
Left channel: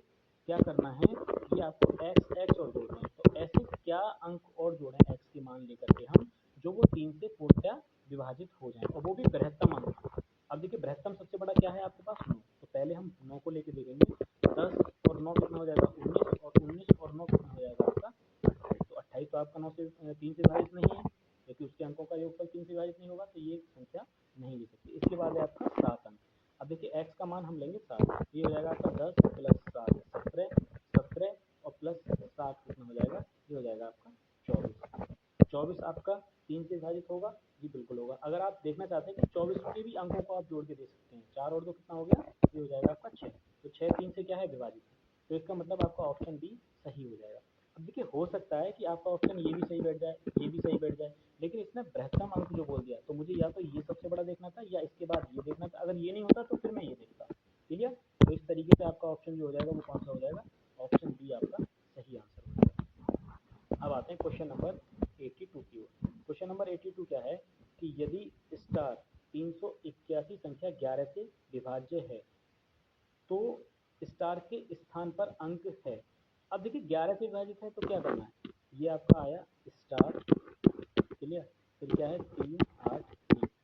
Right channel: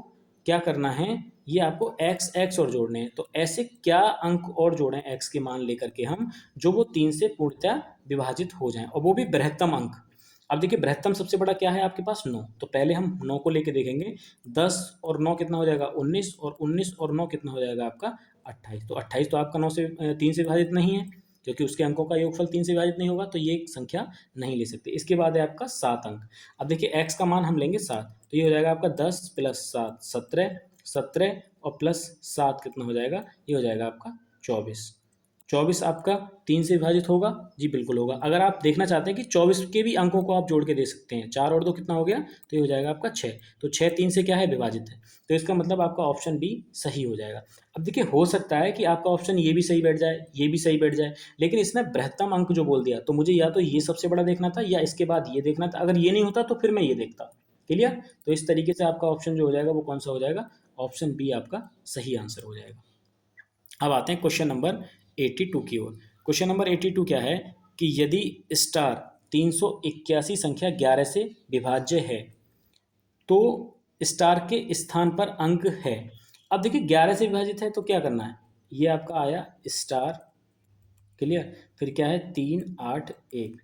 क्या करना है, ये आपको एक्स एक्स और जोड़ने हैं। तो ऐसे क्या अंक और जोड़ें एक्स के मान लेकर के हम, जो वो 3 से पूर्णतः विभाजित हो जाएं, और वो भी बृहत्तम अंक। अब देखिए बृहत्तम सबसे बड़ा क्या है आपके पास 9, तो पहले हम 9 को लेके देखेंगे। 10 और 9 कितना हो जाएगा 19, और 19 और 9 कितना हो जाएगा आपका 28। तो 28 तो आपका 9 से 3 से विभाजित नहीं है, क्योंकि उसके अंकों का योगफल 3 से विभाजित नहीं होगा, तो ये संख्या नहीं ले सकते। इसके बाद है आपका 7 अंक। अब देखिए x का मान हम लेंगे 7, तो ये हो जाएगा आपका 10 प्लस 7 17, 17 और प्लस 7 कितना हो जाएगा, ये हो जाएगा आपका 24। 24 आपका 3 से विभाजित होगा, जी बिल्कुल होगा। अगर आप देखना चाहते हैं कि 24 के भी अंकों को आप जोड़ के दे सकते हैं, 4 और 2 कितना हो गया, तो ये हो जाएगा आपका 6। तो 6 3 से क्या है विभाजित है, तो इसका मतलब आपका ऑप्शन बी सही हो जाएगा। अब देखिए हो सकता है कि आपका ऑप्शन ये भी सही बैठ जाए, ये भी सही बैठ जाए, लेकिन इसने बृहत्तम अंक जो बोल दिया, तो मुझे या तो ये सबसे बड़ा देखना था या इसके बाद ये देखना था। अगर ये नहीं होता तो फिर मैं ये देखता। क्लियर। तो इस तरीके से आपका ऑप्शन जो हो जाएगा वो कौन सा हो जाएगा, ऑप्शन बी आपका सही आंसर हो जाएगा। अब आते हैं क्वेश्चन नंबर 82 की ओर। क्वेश्चन नंबर 82 क्या है कि यदि स्टार 381 संख्या 11 से विभाज्य है तो स्टार के स्थान पर अंक है। अब देखिए 11 से विभाजित है तो क्या करना है, ये आपका आया स्टार। क्लियर। फिर क्या है 3 8 1।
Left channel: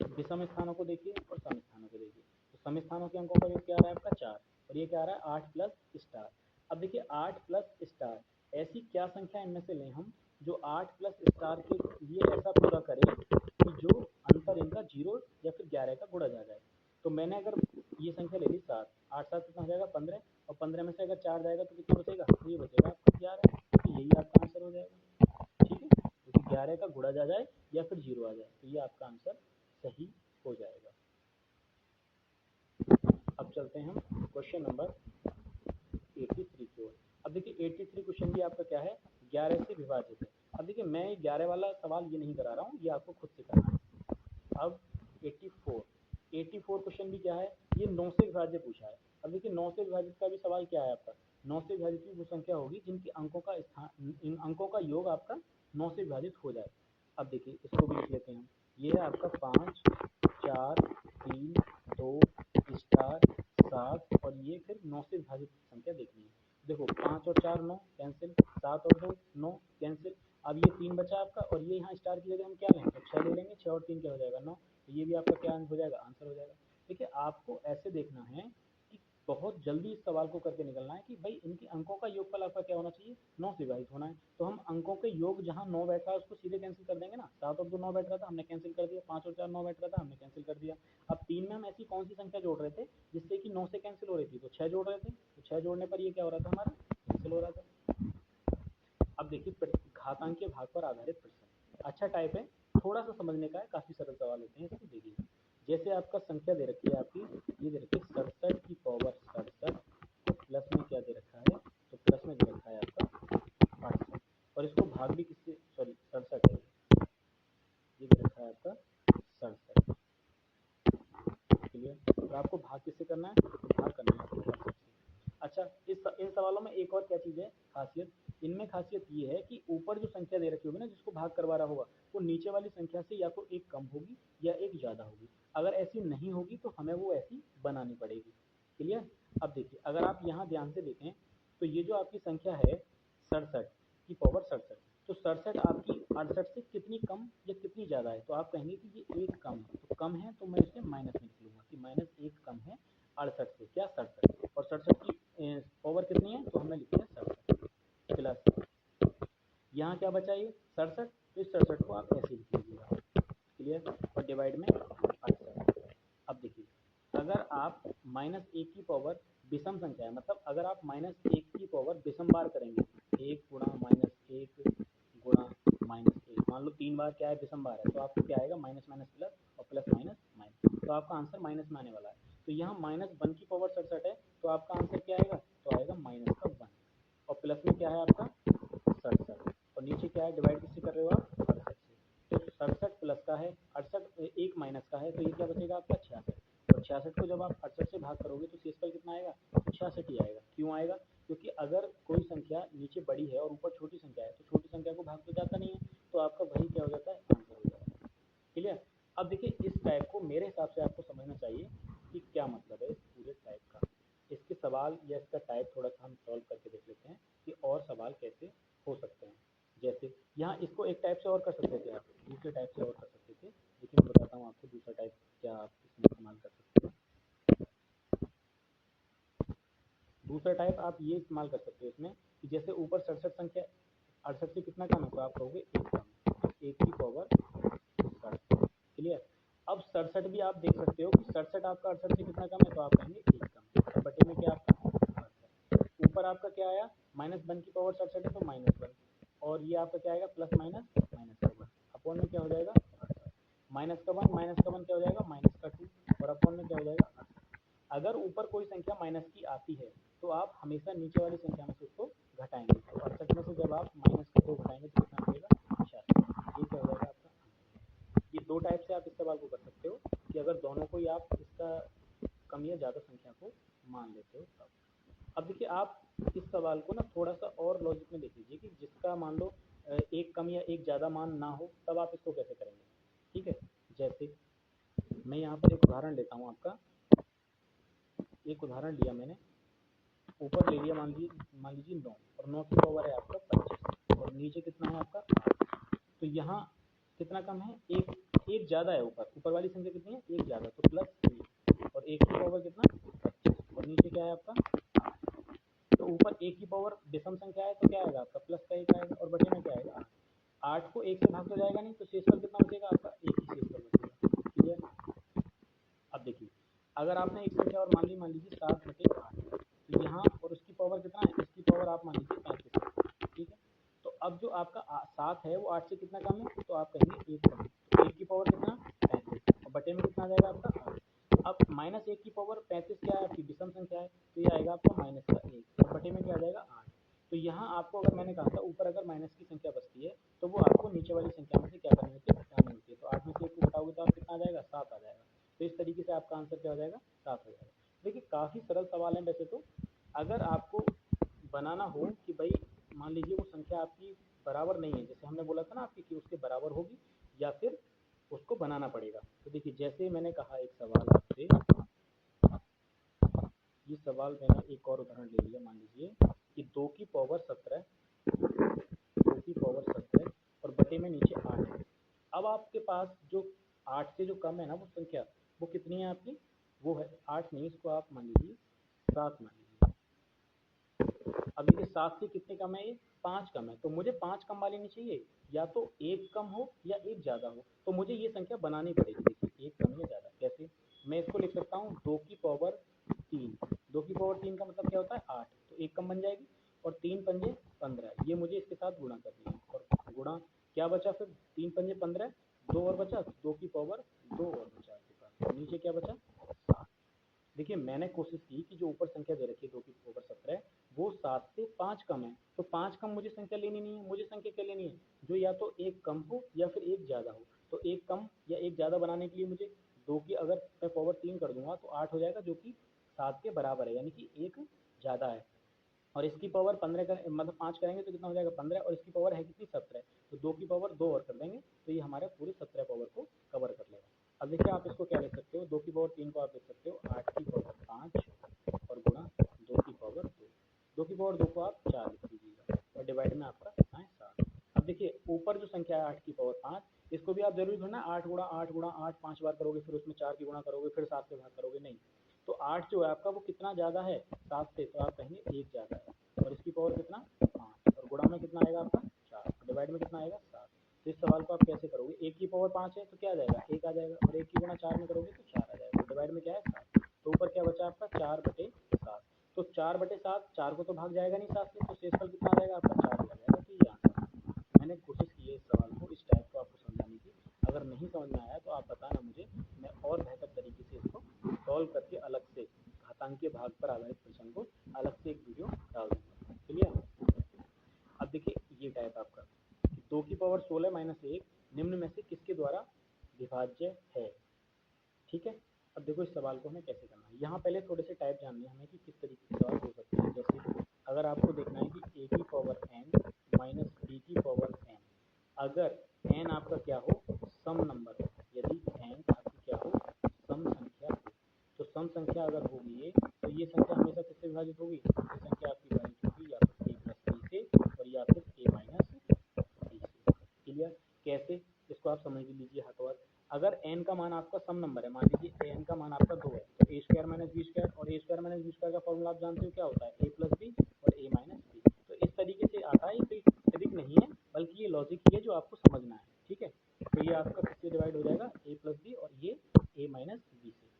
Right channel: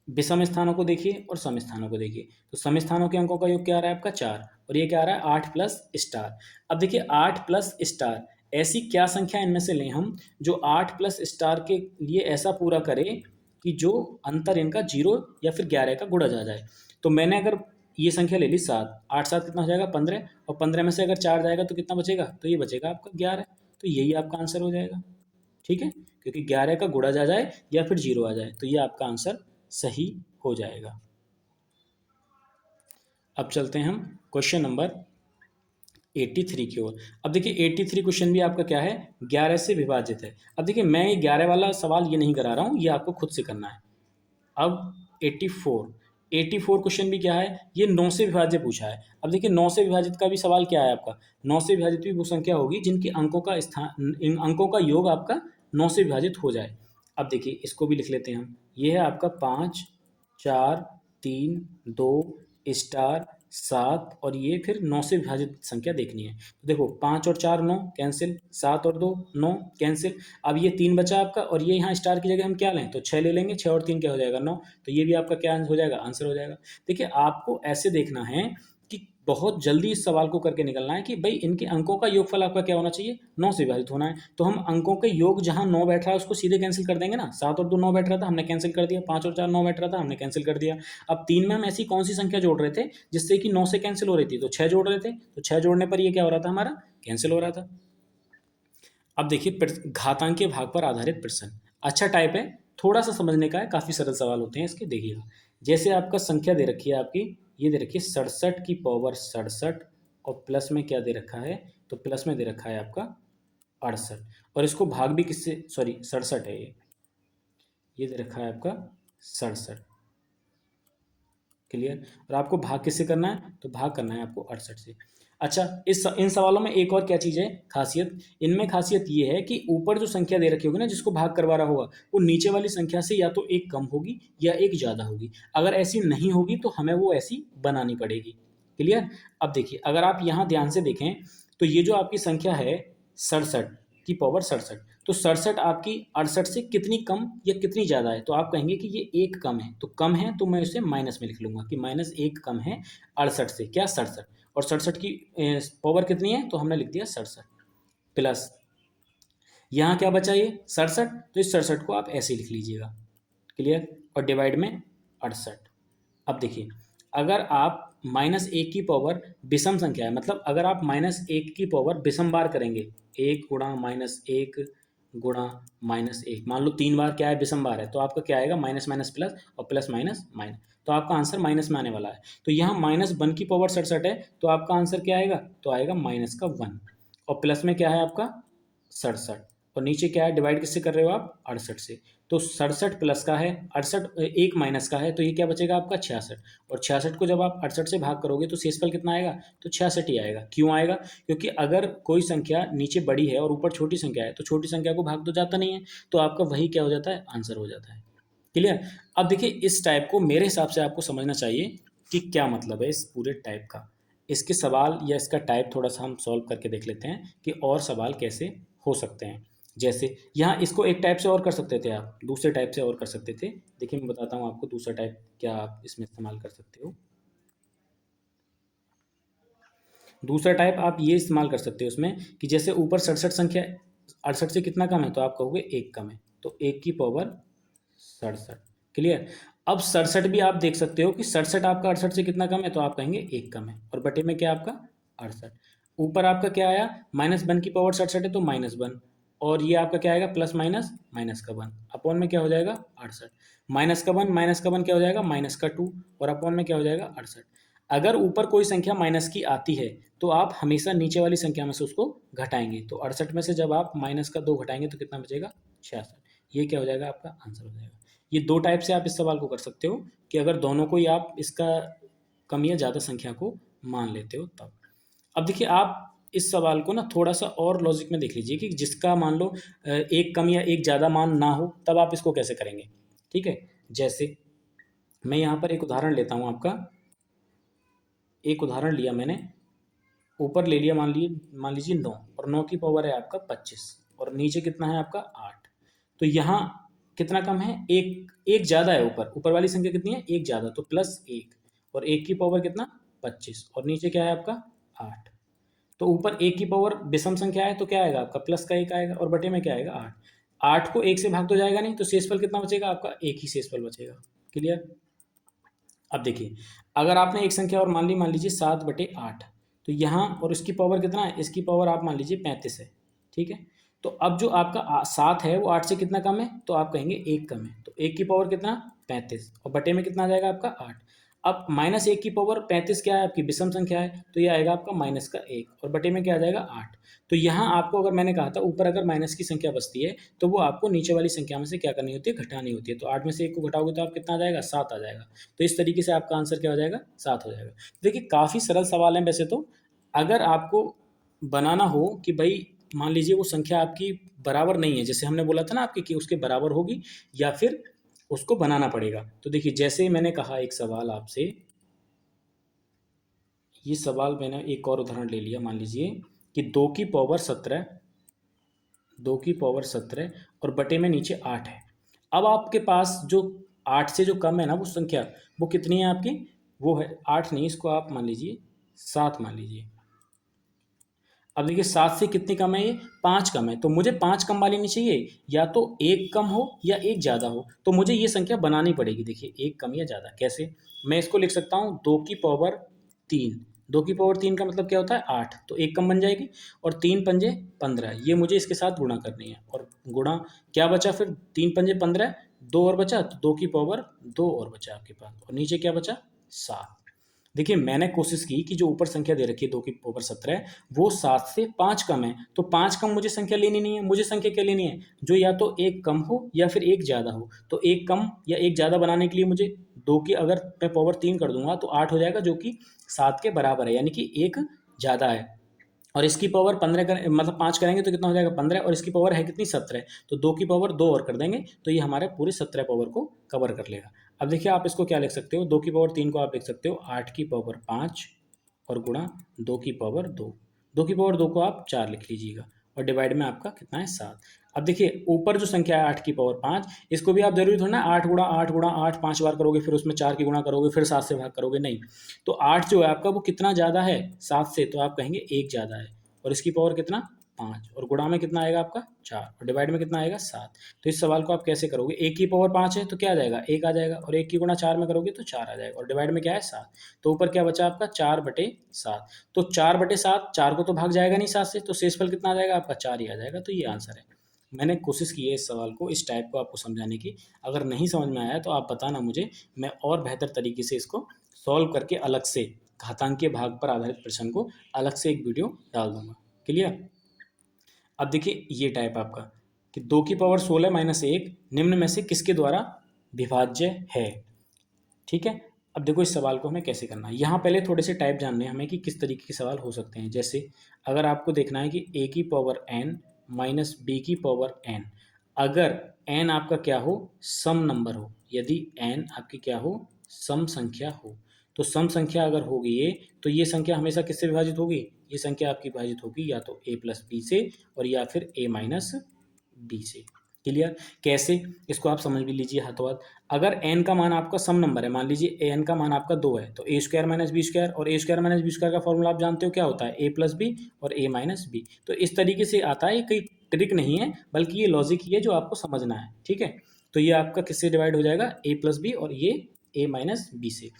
विषम स्थानों को देखिए और सम स्थानों को देखिए, तो सम स्थानों के अंकों का योग क्या आ रहा है आपका 4, और ये क्या आ रहा है 8 प्लस स्टार। अब देखिए 8 प्लस स्टार, ऐसी क्या संख्या इनमें से लें हम जो 8 प्लस स्टार के लिए ऐसा पूरा करे कि जो अंतर इनका 0 या फिर 11 का गुणा जा जाए। तो मैंने अगर ये संख्या ले ली 7, 8 7 कितना हो जाएगा 15, और 15 में से अगर 4 जाएगा तो कितना बचेगा, तो ये बचेगा आपका 11। तो यही आपका आंसर हो जाएगा। ठीक है, क्योंकि 11 का गुणा जा जाए या फिर 0 आ जाए, तो ये आपका आंसर सही हो जाएगा। अब चलते हैं हम क्वेश्चन नंबर 83 की ओर। अब देखिए 83 क्वेश्चन भी आपका क्या है 11 से विभाजित है। अब देखिए मैं ये 11 वाला सवाल ये नहीं करा रहा हूँ, ये आपको खुद से करना है। अब 84 क्वेश्चन भी क्या है, ये 9 से विभाज्य पूछा है। अब देखिए 9 से विभाजित का भी सवाल क्या है आपका, 9 से विभाजित भी वो संख्या होगी जिनके अंकों का स्थान, इन अंकों का योग आपका 9 से विभाजित हो जाए। अब देखिए इसको भी लिख लेते हैं हम, ये है आपका 5 4 3 2 स्टार 7, और ये फिर 9 से विभाजित संख्या देखनी है। तो देखो 5 और 4 9 कैंसिल, 7 और 2 9 कैंसिल। अब ये 3 बचा आपका, और ये यहाँ स्टार की जगह हम क्या लें, तो 6 ले लेंगे, 6 और 3 क्या हो जाएगा 9, तो ये भी आपका क्या हो जाएगा आंसर हो जाएगा। देखिए आपको ऐसे देखना है कि बहुत जल्दी इस सवाल को करके निकलना है कि भाई इनके अंकों का योगफल आपका क्या होना चाहिए, 9 से विभाजित होना है। तो हम अंकों के योग जहाँ 9 बैठ रहा है उसको सीधे कैंसिल कर देंगे ना। 7 और 2 9 बैठ रहा था, हमने कैंसिल कर दिया। 5 और 4 9 बैठ रहा था, हमने कैंसिल कर दिया। अब 3 में हम ऐसी कौन सी संख्या जोड़ रहे थे जिससे कि 9 से कैंसिल हो रही थी, तो 6 जोड़ रहे थे। तो 6 जोड़ने पर ये क्या हो रहा था, हमारा कैंसिल हो रहा था। अब देखिए घातांकीय भाग पर आधारित प्रश्न, अच्छा टाइप है, थोड़ा सा समझने का है, काफ़ी सरल सवाल होते हैं इसके। देखिएगा, जैसे आपका संख्या दे रखी है आपकी, ये दे रखी है 67 की पावर 67, और प्लस में क्या दे रखा है, तो प्लस में दे रखा है आपका 68, और इसको भाग भी किससे, सॉरी 67 है ये दे रखा है आपका 67। क्लियर। और आपको भाग किससे करना है, तो भाग करना है आपको 68 से। अच्छा, इन सवालों में एक और क्या चीज़ है खासियत, इनमें खासियत ये है कि ऊपर जो संख्या दे रखी होगी ना जिसको भाग करवा रहा होगा, वो नीचे वाली संख्या से या तो एक कम होगी या एक ज़्यादा होगी। अगर ऐसी नहीं होगी तो हमें वो ऐसी बनानी पड़ेगी। क्लियर। अब देखिए, अगर आप यहाँ ध्यान से देखें तो ये जो आपकी संख्या है 67 की पावर 67, तो 67 आपकी 68 से कितनी कम या कितनी ज़्यादा है, तो आप कहेंगे कि ये एक कम है। तो कम है तो मैं इसे माइनस में लिख लूँगा कि माइनस एक कम है 68 से, क्या 67, और 67 की पावर कितनी है, तो हमने लिख दिया 67, प्लस यहाँ क्या बचा ये 67, तो इस 67 को आप ऐसे लिख लीजिएगा। क्लियर। और डिवाइड में 68। अब देखिए, अगर आप माइनस एक की पावर विषम संख्या है, मतलब अगर आप माइनस एक की पावर विषम बार करेंगे, एक गुणा माइनस एक गुणा माइनस एक, मान लो 3 बार क्या है विषम बार है, तो आपका क्या आएगा, माइनस माइनस प्लस और प्लस माइनस माइनस, तो आपका आंसर माइनस में आने वाला है। तो यहाँ -1 की पावर 67 है, तो आपका आंसर क्या आएगा, तो आएगा -1, और प्लस में क्या है आपका 67, और नीचे क्या है, डिवाइड किससे कर रहे हो आप, 68 से। तो 67 प्लस का है, 68 एक माइनस का है, तो ये क्या बचेगा आपका 66, और 66 को जब आप 68 से भाग करोगे तो शेषफल कितना आएगा, तो 66 ही आएगा। क्यों आएगा, क्योंकि अगर कोई संख्या नीचे बड़ी है और ऊपर छोटी संख्या है तो छोटी संख्या को भाग तो जाता नहीं है, तो आपका वही क्या हो जाता है, आंसर हो जाता है। क्लियर। अब देखिए, इस टाइप को मेरे हिसाब से आपको समझना चाहिए कि क्या मतलब है इस पूरे टाइप का। इसके सवाल या इसका टाइप थोड़ा सा हम सॉल्व करके देख लेते हैं कि और सवाल कैसे हो सकते हैं। जैसे यहाँ इसको एक टाइप से और कर सकते थे, आप दूसरे टाइप से और कर सकते थे। देखिए, मैं बताता हूँ आपको दूसरा टाइप क्या आप इसमें इस्तेमाल कर सकते हो। दूसरा टाइप आप ये इस्तेमाल कर सकते हो उसमें कि जैसे ऊपर 67 संख्या 68 से कितना कम है, तो आप कहोगे एक कम है, तो एक की पावर 67। क्लियर। अब 67 भी आप देख सकते हो कि 67 आपका 68 से कितना कम है, तो आप कहेंगे एक कम है, और बटे में क्या आपका 68। ऊपर आपका क्या आया, -1 की पावर 67 है तो -1, और ये आपका क्या आएगा, प्लस माइनस माइनस का 1, अपॉन में क्या हो जाएगा 68, माइनस का 1 क्या हो जाएगा, -2, और अपॉन में क्या हो जाएगा 68। अगर ऊपर कोई संख्या माइनस की आती है तो आप हमेशा नीचे वाली संख्या में से उसको घटाएंगे, तो 68 में से जब आप -2 घटाएंगे तो कितना बचेगा, 66। ये क्या हो जाएगा, आपका आंसर हो जाएगा। ये दो टाइप से आप इस सवाल को कर सकते हो कि अगर दोनों को ही आप इसका कम या ज़्यादा संख्या को मान लेते हो तब। अब देखिए, आप इस सवाल को ना थोड़ा सा और लॉजिक में देख लीजिए कि जिसका मान लो एक कम या एक ज़्यादा मान ना हो, तब आप इसको कैसे करेंगे। ठीक है, जैसे मैं यहाँ पर एक उदाहरण लेता हूँ आपका। एक उदाहरण लिया मैंने, ऊपर ले लिया मान लीजिए 9, और 9 की पावर है आपका 25, और नीचे कितना है आपका 8। तो यहाँ कितना कम है, एक ज़्यादा है, ऊपर वाली संख्या कितनी है, एक ज़्यादा, तो +1, और एक की पावर कितना 25, और नीचे क्या है आपका 8। तो ऊपर एक की पावर विषम संख्या है तो क्या आएगा आपका, प्लस का 1 आएगा, और बटे में क्या आएगा 8। 8 को 1 से भाग तो जाएगा नहीं, तो शेषफल कितना बचेगा आपका, एक ही शेषफल बचेगा। क्लियर। अब देखिए, अगर आपने एक संख्या और मान लीजिए 7/8, तो यहाँ और इसकी पावर कितना है, इसकी पावर आप मान लीजिए 35 है। ठीक है। तो अब जो आपका 7 है वो 8 से कितना कम है, तो आप कहेंगे एक कम है, तो एक की पावर कितना 35, और बटे में कितना आ जाएगा आपका 8। अब -1 की पावर 35 क्या है आपकी विषम संख्या है, तो ये आएगा आपका -1, और बटे में क्या आ जाएगा 8। तो यहाँ आपको, अगर मैंने कहा था ऊपर अगर माइनस की संख्या बचती है तो वो आपको नीचे वाली संख्या में से क्या करनी होती है, घटानी होती है। तो 8 में से 1 को घटाओगे तो आप कितना आ जाएगा, 7 आ जाएगा। तो इस तरीके से आपका आंसर क्या हो जाएगा, 7 हो जाएगा। देखिए, काफ़ी सरल सवाल है वैसे तो। अगर आपको बनाना हो कि भाई मान लीजिए वो संख्या आपकी बराबर नहीं है, जैसे हमने बोला था ना आपकी कि उसके बराबर होगी या फिर उसको बनाना पड़ेगा। तो देखिए, जैसे मैंने कहा एक सवाल आपसे, ये सवाल मैंने एक और उदाहरण ले लिया, मान लीजिए कि 2 की पावर 17, 2 की पावर 17 और बटे में नीचे 8 है। अब आपके पास जो 8 से जो कम है ना वो संख्या, वो कितनी है आपकी, वो है 8 नहीं, इसको आप मान लीजिए 7 मान लीजिए। अब देखिए 7 से कितनी कम है, ये 5 कम है, तो मुझे 5 कम वाली नहीं चाहिए, या तो एक कम हो या एक ज़्यादा हो, तो मुझे ये संख्या बनानी पड़ेगी। देखिए एक कम या ज़्यादा कैसे, मैं इसको लिख सकता हूँ 2 की पावर 3। 2 की पावर 3 का मतलब क्या होता है 8, तो एक कम बन जाएगी, और 3 पंजे 15, ये मुझे इसके साथ गुणा करनी है, और गुणा क्या बचा फिर, 3 पंजे 15, 2 और बचा, तो 2 की पावर 2 और बचा आपके पास, और नीचे क्या बचा 7। देखिए मैंने कोशिश की कि जो ऊपर संख्या दे रखी है 2 की पावर 17, वो 7 से 5 कम है, तो 5 कम मुझे संख्या लेनी नहीं है, मुझे संख्या क्या लेनी है, जो या तो एक कम हो या फिर एक ज़्यादा हो। तो एक कम या एक ज़्यादा बनाने के लिए मुझे 2 की अगर मैं पावर 3 कर दूंगा तो 8 हो जाएगा, जो कि 7 के बराबर है, यानी कि एक ज़्यादा है। और इसकी पावर 15 कर मतलब 5 करेंगे तो कितना हो जाएगा 15, और इसकी पावर है कितनी 17, तो 2 की पावर 2 और कर देंगे, तो ये हमारे पूरे 17 पावर को कवर कर लेगा। अब देखिए आप इसको क्या लिख सकते हो, 2 की पावर 3 को आप लिख सकते हो 8 की पावर 5 और गुणा 2 की पावर 2। 2 की पावर 2 को आप 4 लिख लीजिएगा, और डिवाइड में आपका कितना है 7। अब देखिए ऊपर जो संख्या है 8 की पावर 5, इसको भी आप जरूरी थोड़ा ना 8 गुणा 8 5 बार करोगे, फिर उसमें 4 की गुणा करोगे, फिर 7 से भाग करोगे, नहीं। तो 8 जो है आपका वो कितना ज़्यादा है 7 से, तो आप कहेंगे एक ज़्यादा है, और इसकी पावर कितना 5, और गुणा में कितना आएगा आपका 4, और डिवाइड में कितना आएगा 7। तो इस सवाल को आप कैसे करोगे, 1 की पावर 5 है तो क्या आ जाएगा 1 आ जाएगा, और 1 की गुणा 4 में करोगे तो 4 आ जाएगा, और डिवाइड में क्या है 7। तो ऊपर क्या बचा आपका 4/7, तो 4/7, 4 को तो भाग जाएगा नहीं 7 से, तो शेषफल कितना आ जाएगा आपका 4 ही आ जाएगा, तो ये आंसर है। मैंने कोशिश की है इस सवाल को, इस टाइप को आपको समझाने की। अगर नहीं समझ में आया तो आप बताना मुझे, मैं और बेहतर तरीके से इसको सॉल्व करके अलग से घातांकीय भाग पर आधारित प्रश्न को अलग से एक वीडियो डाल दूंगा। क्लियर। अब देखिए ये टाइप आपका कि 2 की पावर 16 - 1 निम्न में से किसके द्वारा विभाज्य है। ठीक है। अब देखो इस सवाल को हमें कैसे करना है, यहाँ पहले थोड़े से टाइप जानने हैं हमें कि किस तरीके के सवाल हो सकते हैं। जैसे अगर आपको देखना है कि a की पावर n माइनस b की पावर n, अगर n आपका क्या हो सम नंबर हो, यदि n आपकी क्या हो सम संख्या हो, तो सम संख्या अगर होगी ये, तो ये संख्या हमेशा किससे विभाजित होगी, ये संख्या आपकी विभाजित होगी या तो a प्लस बी से, और या फिर a माइनस बी से। क्लियर। कैसे, इसको आप समझ भी लीजिए हाथों हाथ। अगर n का मान आपका सम नंबर है, मान लीजिए n का मान आपका 2 है, तो a² माइनस बी स्क्वायर, और a² माइनस बी स्क्वायर का फॉर्मूला आप जानते हो क्या होता है, a प्लस बी और a माइनस बी। तो इस तरीके से आता है, ये कोई ट्रिक नहीं है, बल्कि ये लॉजिक ही है जो आपको समझना है। ठीक है। तो ये आपका किससे डिवाइड हो जाएगा, a प्लस बी और ये a माइनस बी से।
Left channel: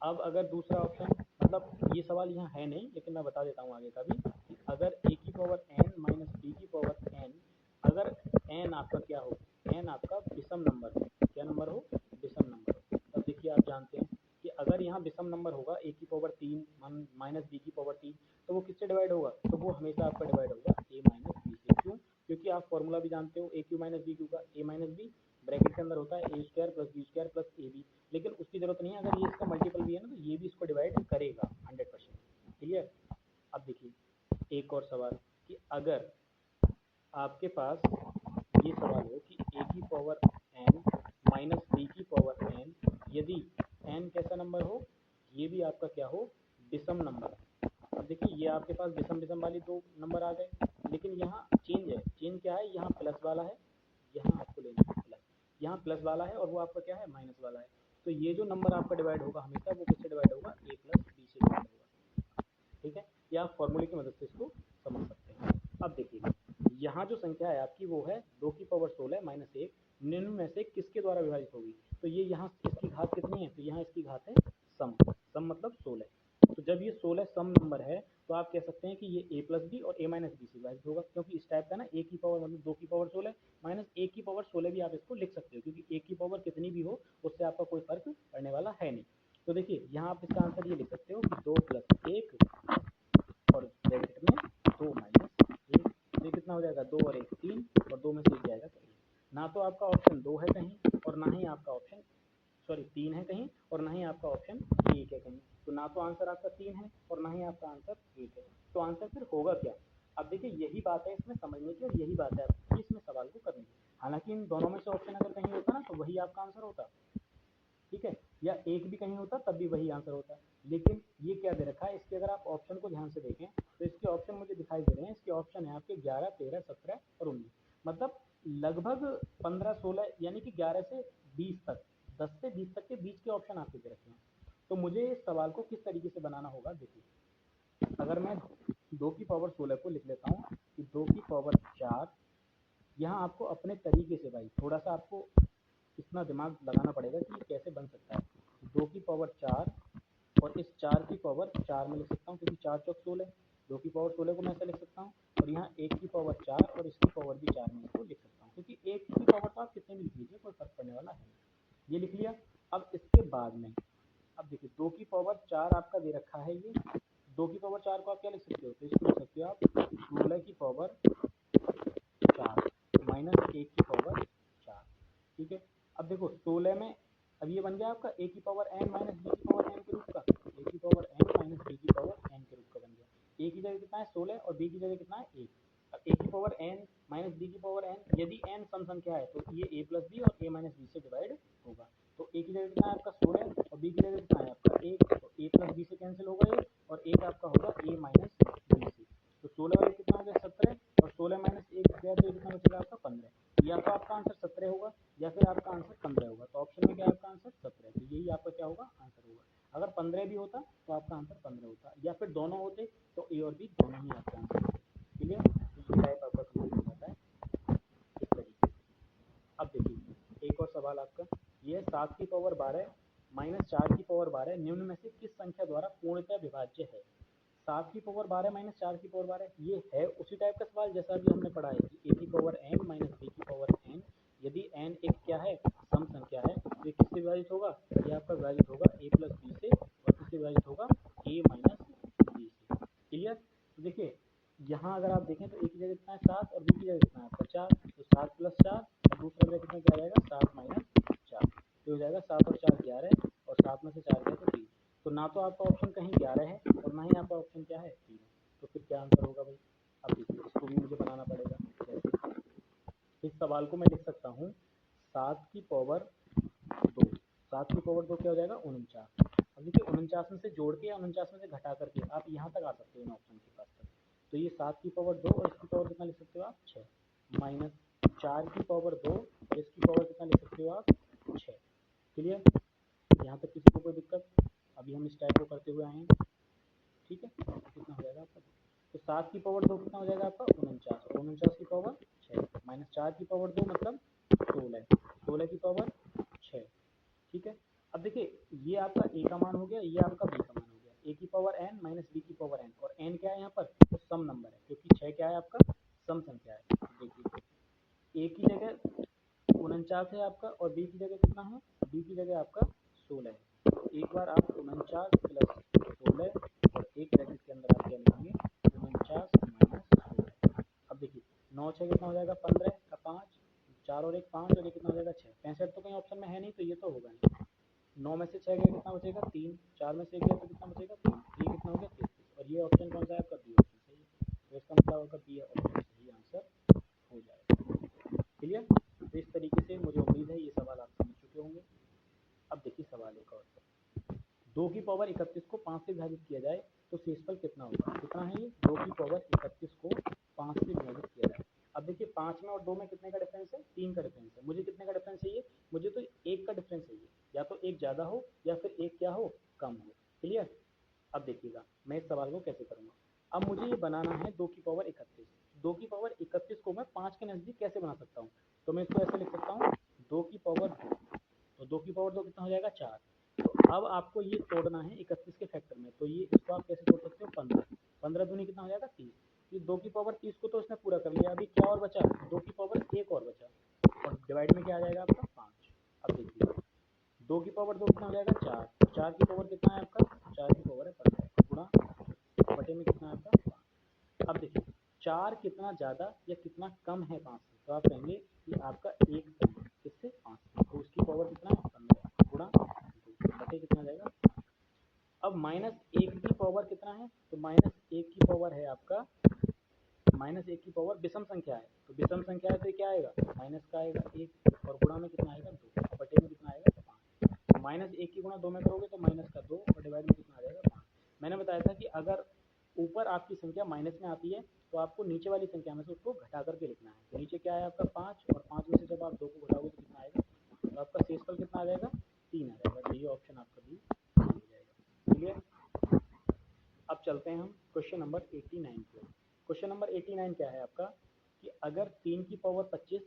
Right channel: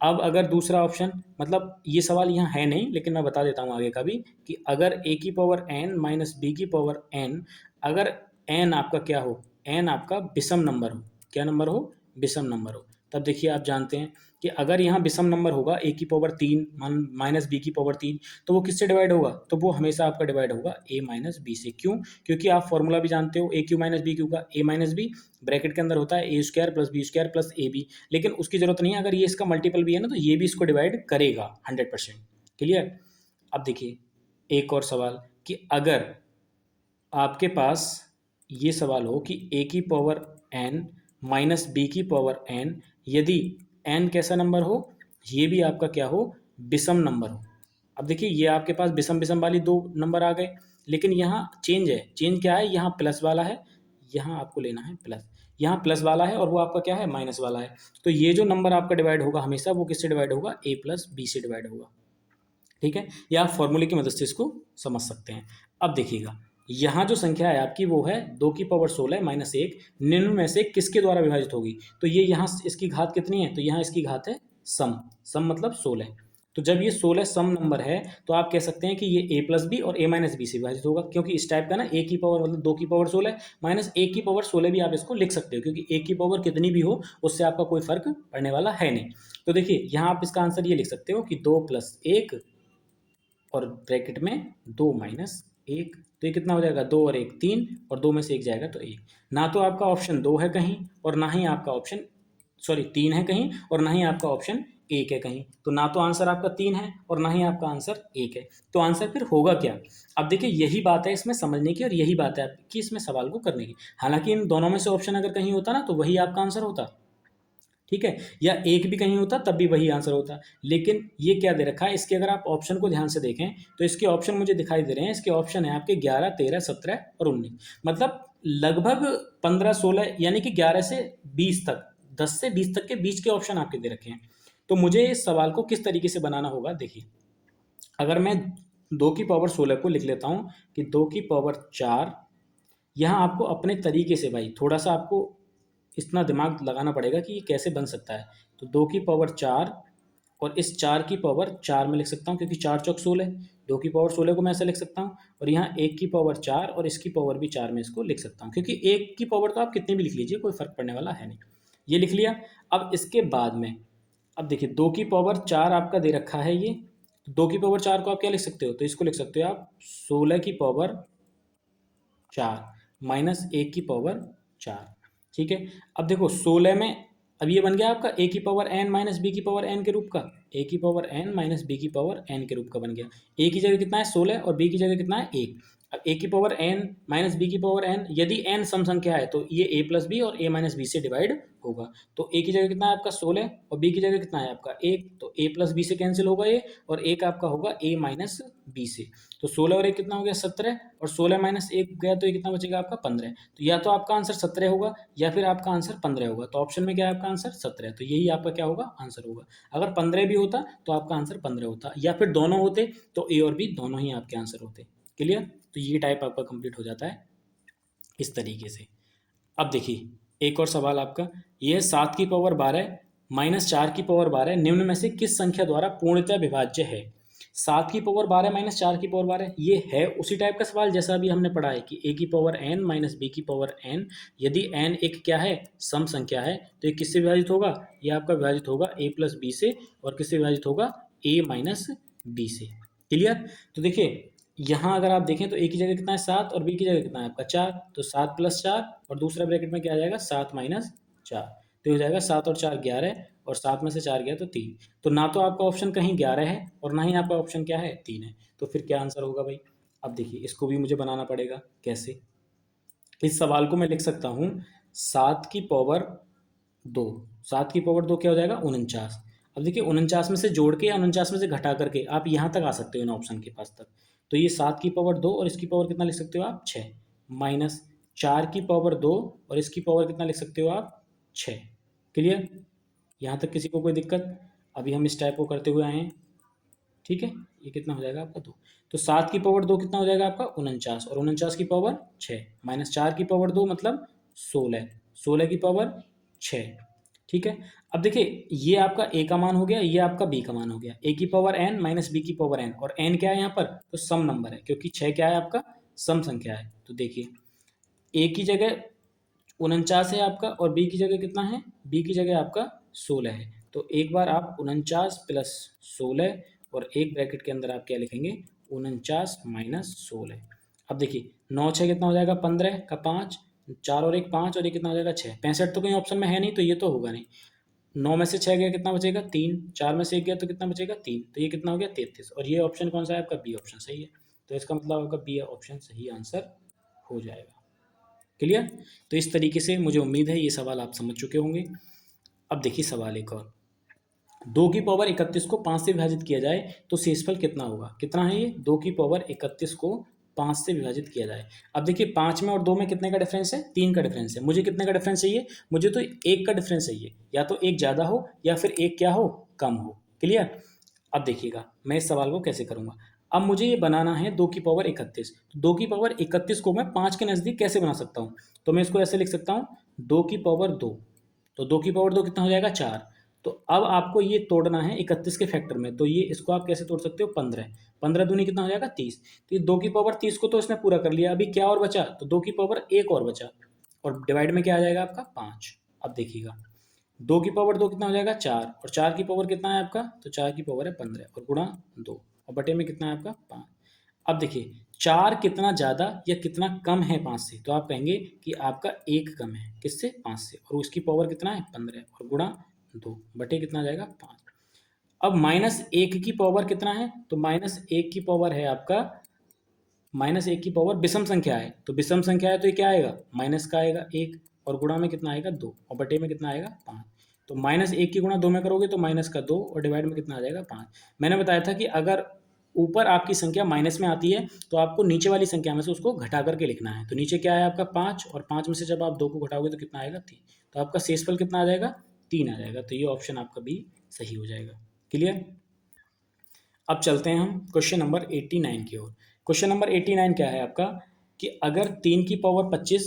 अब अगर दूसरा ऑप्शन, मतलब ये सवाल यहाँ है नहीं, लेकिन मैं बता देता हूँ आगे का भी, कि अगर a की पावर n माइनस b की पावर n, अगर n आपका क्या हो, n आपका विषम नंबर हो, क्या नंबर हो, विषम नंबर हो, तब देखिए आप जानते हैं कि अगर यहाँ विषम नंबर होगा a की पावर 3 माइनस b की पावर 3, तो वो किससे डिवाइड होगा, तो वो हमेशा आपका डिवाइड होगा a माइनस बी से। क्यों, क्योंकि आप फॉर्मूला भी जानते हो a cube minus B cube का, a माइनस बी ब्रैकेट के अंदर होता है a² plus b² plus A B, लेकिन उसकी जरूरत नहीं है, अगर ये इसका मल्टीपल भी है ना तो ये भी इसको डिवाइड करेगा 100%। क्लियर। अब देखिए एक और सवाल, कि अगर आपके पास ये सवाल हो कि a की पावर n माइनस b की पावर n, यदि n कैसा नंबर हो, ये भी आपका क्या हो विषम नंबर हो। अब देखिए ये आपके पास विषम विषम वाली दो नंबर आ गए, लेकिन यहाँ चेंज है, चेंज क्या है, यहाँ प्लस वाला है, यहाँ आपको लेना है प्लस, यहाँ प्लस वाला है और वो आपका क्या है माइनस वाला है। तो ये जो नंबर आपका डिवाइड होगा हमेशा वो किससे डिवाइड होगा, a प्लस बी से डिवाइड होगा। ठीक है, या आप फॉर्मूले की मदद से इसको समझ सकते हैं। अब देखिएगा यहाँ जो संख्या है आपकी वो है 2 की पावर 16 - 1 निम्न में से किसके द्वारा विभाजित होगी, तो ये यहाँ इसकी घात कितनी है, तो यहाँ इसकी घात है सम, सम मतलब 16। तो जब ये 16 सम नंबर है, तो आप कह सकते हैं कि ये a प्लस बी और a माइनस बी से विभाजित होगा, क्योंकि इस टाइप का ना a की पावर मतलब 2 की पावर 16 माइनस 1 की पावर 16 भी आप इसको लिख सकते हो, क्योंकि a की पावर कितनी भी हो उससे आपका कोई फर्क पड़ने वाला है नहीं। तो देखिए यहाँ आप इसका आंसर ये लिख सकते हो कि 2 + 1 और ब्रैकेट में 2 माइनस 1, तो ये कितना हो जाएगा 2 और 1 3, और 2 में से 1 जाएगा तो 1। ना तो आपका ऑप्शन 2 है कहीं, और ना ही आपका ऑप्शन 3 है कहीं, और ना ही आपका ऑप्शन 1 है कहीं। तो ना तो आंसर आपका 3 है और ना ही आपका आंसर 1 है, तो आंसर फिर होगा क्या। अब देखिए यही बात है इसमें समझने की, और यही बात है आपकी इसमें सवाल को करने की। हालांकि इन दोनों में से ऑप्शन अगर कहीं होता ना तो वही आपका आंसर होता, ठीक है, या एक भी कहीं होता तब भी वही आंसर होता। लेकिन ये क्या दे रखा है, इसके अगर आप ऑप्शन को ध्यान से देखें तो इसके ऑप्शन मुझे दिखाई दे रहे हैं, इसके ऑप्शन है आपके 11 13 17 और 19, मतलब लगभग 15 16, यानी कि 11 से 20 तक, 10 से 20 तक के बीच के ऑप्शन आपके दे रखे हैं। तो मुझे इस सवाल को किस तरीके से बनाना होगा, देखिए अगर मैं 2 की पावर 16 को लिख लेता हूँ कि 2 की पावर 4, यहाँ आपको अपने तरीके से भाई थोड़ा सा आपको इतना दिमाग लगाना पड़ेगा कि ये कैसे बन सकता है। तो 2 की पावर 4 और इस 4 की पावर 4 में लिख सकता हूँ, क्योंकि 4 चौक 16, 2 की पावर 16 को मैं ऐसे लिख सकता हूँ। और यहाँ 1 की पावर 4 और इसकी पावर भी 4 में इसको लिख सकता हूँ, क्योंकि 1 की पावर तो आप कितनी भी लिख लीजिए, कोई फ़र्क पड़ने वाला है नहीं। ये लिख लिया। अब इसके बाद में अब देखिए 2 की पावर 4 आपका दे रखा है ये। 2 की पावर 4 को आप क्या लिख सकते हो, तो इसको लिख सकते हो आप 16 की पावर 4 माइनस 1 की पावर 4। ठीक है। अब देखो 16 में, अब ये बन गया आपका A की पावर n माइनस बी की पावर n के रूप का, A की पावर n माइनस बी की पावर n के रूप का बन गया। A की जगह कितना है 16 और B की जगह कितना है 1। अब A की पावर n माइनस बी की पावर n, यदि n सम संख्या है तो ये a प्लस बी और a माइनस बी से डिवाइड होगा। तो a की जगह कितना है आपका 16 और b की जगह कितना है आपका 1, तो a प्लस बी से कैंसिल होगा ये, और 1 आपका होगा a माइनस बी से। तो 16 और 1 कितना हो गया 17, और 16 माइनस 1 गया तो ये कितना बचेगा आपका 15। तो या तो आपका आंसर 17 होगा या फिर आपका आंसर 15 होगा। तो ऑप्शन में क्या है आपका आंसर 17, तो यही आपका क्या होगा आंसर होगा। अगर 15 भी होता तो आपका आंसर 15 होता, या फिर दोनों होते तो ए और बी दोनों ही आपके आंसर होते। क्लियर। तो ये टाइप आपका कंप्लीट हो जाता है इस तरीके से। अब देखिए एक और सवाल आपका, ये 7 की पावर 12 माइनस 4 की पावर 12 निम्न में से किस संख्या द्वारा पूर्णतः विभाज्य है। 7 की पावर 12 माइनस 4 की पावर 12, ये है उसी टाइप का सवाल जैसा अभी हमने पढ़ा है कि A की पावर n माइनस बी की पावर n, यदि n एक क्या है सम संख्या है तो ये किससे विभाजित होगा, ये आपका विभाजित होगा a प्लस बी से, और किससे विभाजित होगा a माइनस बी से। क्लियर। तो देखिए यहाँ अगर आप देखें तो a की जगह कितना है 7 और b की जगह कितना है आपका 4, तो 7 प्लस 4 और दूसरा ब्रैकेट में क्या आ जाएगा 7 माइनस 4, तो ये हो जाएगा 7 और 4 11, और 7 में से 4 गया तो 3। तो ना तो आपका ऑप्शन कहीं 11 है और ना ही आपका ऑप्शन क्या है 3 है, तो फिर क्या आंसर होगा भाई। अब देखिए इसको भी मुझे बनाना पड़ेगा कैसे। इस सवाल को मैं लिख सकता हूँ 7 की पावर 2, 7 की पावर 2 क्या हो जाएगा 49। अब देखिए 49 में से जोड़ के या 49 में से घटा करके आप यहाँ तक आ सकते हो इन ऑप्शन के पास तक। तो ये 7 की पावर 2 और इसकी पावर कितना लिख सकते हो आप 6, माइनस 4 की पावर 2 और इसकी पावर कितना लिख सकते हो आप 6। क्लियर। यहाँ तक किसी को कोई दिक्कत। अभी हम इस टाइप को करते हुए आए हैं। ठीक है। ये कितना हो जाएगा आपका 2, तो 7 की पावर 2 कितना हो जाएगा आपका 49, और 49 की पावर 6 माइनस 4 की पावर 2 मतलब 16, 16 की पावर 6। ठीक है। अब देखिए ये आपका a का मान हो गया, ये आपका b का मान हो गया। A की पावर n माइनस b की पावर n, और n क्या है यहाँ पर तो सम नंबर है, क्योंकि 6 क्या है आपका सम संख्या है। तो देखिए a की जगह 49 है आपका, और बी की जगह कितना है, बी की जगह आपका 16 है। तो एक बार आप 49 प्लस 16, और एक ब्रैकेट के अंदर आप क्या लिखेंगे 49 माइनस 16। अब देखिए 9 6 कितना हो जाएगा 15 का 5, 4 और 1 5, और ये कितना हो जाएगा 6। 65 तो कहीं ऑप्शन में है नहीं, तो ये तो होगा नहीं। 9 में से 6 गया कितना बचेगा 3, 4 में से 1 गया तो कितना बचेगा 3, तो ये कितना हो गया 33। और ये ऑप्शन कौन सा है आपका बी ऑप्शन सही है। तो इसका मतलब आपका बी ऑप्शन सही आंसर हो जाएगा। क्लियर। तो इस तरीके से मुझे उम्मीद है ये सवाल आप समझ चुके होंगे। अब देखिए सवाल एक और, 2 की पावर 31 को 5 से विभाजित किया जाए तो शेषफल कितना होगा। कितना है ये 2 की पावर 31 को 5 से विभाजित किया जाए। अब देखिए 5 में और 2 में कितने का डिफरेंस है 3 का डिफरेंस है। मुझे कितने का डिफरेंस चाहिए, मुझे तो 1 का डिफरेंस चाहिए, या तो 1 ज़्यादा हो या फिर 1 क्या हो कम हो। क्लियर। अब देखिएगा मैं इस सवाल को कैसे करूँगा। अब मुझे ये बनाना है 2 की पावर 31, तो 2 की पावर 31 को मैं 5 के नज़दीक कैसे बना सकता हूँ, तो मैं इसको ऐसे लिख सकता हूँ 2 की पावर 2, तो 2 की पावर 2 कितना हो जाएगा 4। तो अब आपको ये तोड़ना है 31 के फैक्टर में, तो ये इसको आप कैसे तोड़ सकते हो 15, 15 दूनी कितना हो जाएगा 30। तो ये 2 की पावर 30 को तो इसने पूरा कर लिया, अभी क्या और बचा, तो 2 की पावर 1 और बचा, और डिवाइड में क्या आ जाएगा आपका 5। अब देखिएगा 2 की पावर 2 कितना हो जाएगा 4, और 4 की पावर कितना है आपका, तो 4 की पावर है 15, और गुणा 2, बटे में कितना है आपका 5। अब देखिए 4 कितना ज़्यादा या कितना कम है 5 से, तो आप कहेंगे कि आपका 1 कम है किससे 5 से, और उसकी पावर कितना है 15, और गुणा 2 बटे कितना आ जाएगा 5। अब -1 की पावर कितना है, तो -1 की पावर है आपका, -1 की पावर विषम संख्या है, तो विषम संख्या है तो ये क्या आएगा माइनस का आएगा 1, और गुणा में कितना आएगा 2, और बटे में कितना आएगा 5। तो -1 की गुणा 2 में करोगे तो माइनस का 2, और डिवाइड में कितना आ जाएगा 5। मैंने बताया था कि अगर ऊपर आपकी संख्या माइनस में आती है तो आपको नीचे वाली संख्या में से उसको घटा करके लिखना है। तो नीचे क्या है आपका 5, और 5 में से जब आप 2 को घटाओगे तो कितना आएगा 3, तो आपका शेषफल कितना आ जाएगा 3 आ जाएगा। तो ये ऑप्शन आपका भी सही हो जाएगा। क्लियर। अब चलते हैं हम क्वेश्चन नंबर 89 की ओर। क्वेश्चन नंबर 89 क्या है आपका कि अगर 3 की पावर 25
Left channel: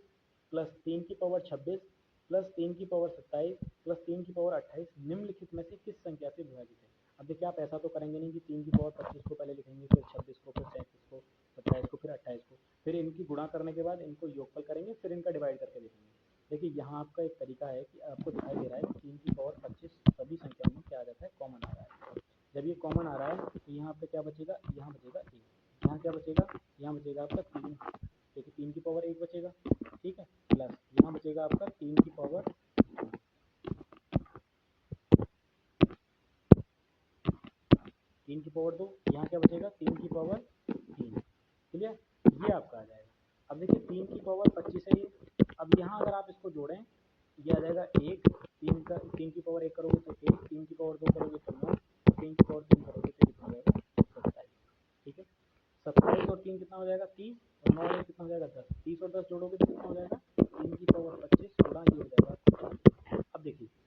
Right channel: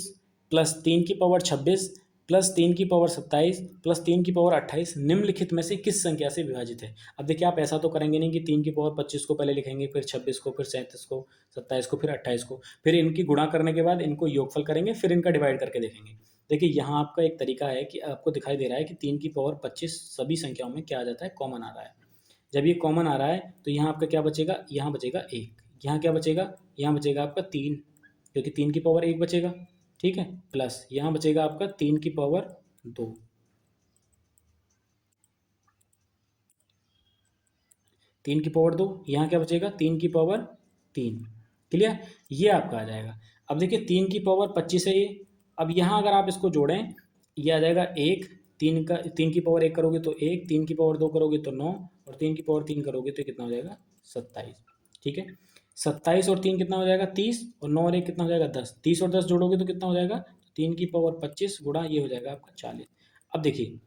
प्लस 3 की पावर 26 प्लस 3 की पावर 27 प्लस 3 की पावर 28 निम्नलिखित में से किस संख्या से विभाजित है। अब देखिए आप ऐसा तो करेंगे नहीं कि 3 की पावर 25 को पहले लिखेंगे, फिर 26 को, फिर 37 को, 27 को, फिर 28 को, फिर इनकी गुणा करने के बाद इनको योगफल करेंगे, फिर इनका डिवाइड करके देखेंगे। देखिए यहाँ आपका एक तरीका है कि आपको दिखाई दे रहा है कि 3 की पावर 25 सभी संख्याओं में क्या आ जाता है, कॉमन आ रहा है। जब ये कॉमन आ रहा है तो यहाँ आपका क्या बचेगा, यहाँ बचेगा 1, यहाँ क्या बचेगा, यहाँ बचेगा आपका 3, क्योंकि 3 की पावर 1 बचेगा, ठीक है, प्लस यहाँ बचेगा आपका 3 की पावर 2, 3 की पावर 2, यहाँ क्या बचेगा 3 की पावर 3। क्लियर, ये आपका आ जाएगा। अब देखिए 3 की पावर 25 है ये। अब यहाँ अगर आप इसको जोड़ें, ये आ जाएगा 1, 3 की पावर 1 करोगे तो 1, 3 की पावर 2 करोगे तो 9, और 3 की पावर 3 करोगे तो कितना हो जाएगा 27। ठीक है, 27 और 3 कितना हो जाएगा 30, और 9 और 1 कितना हो जाएगा 10, 30 और 10 जोड़ोगे तो कितना हो जाएगा 3 की पावर 25 गुणा ये हो जाएगा आपका 40। अब देखिए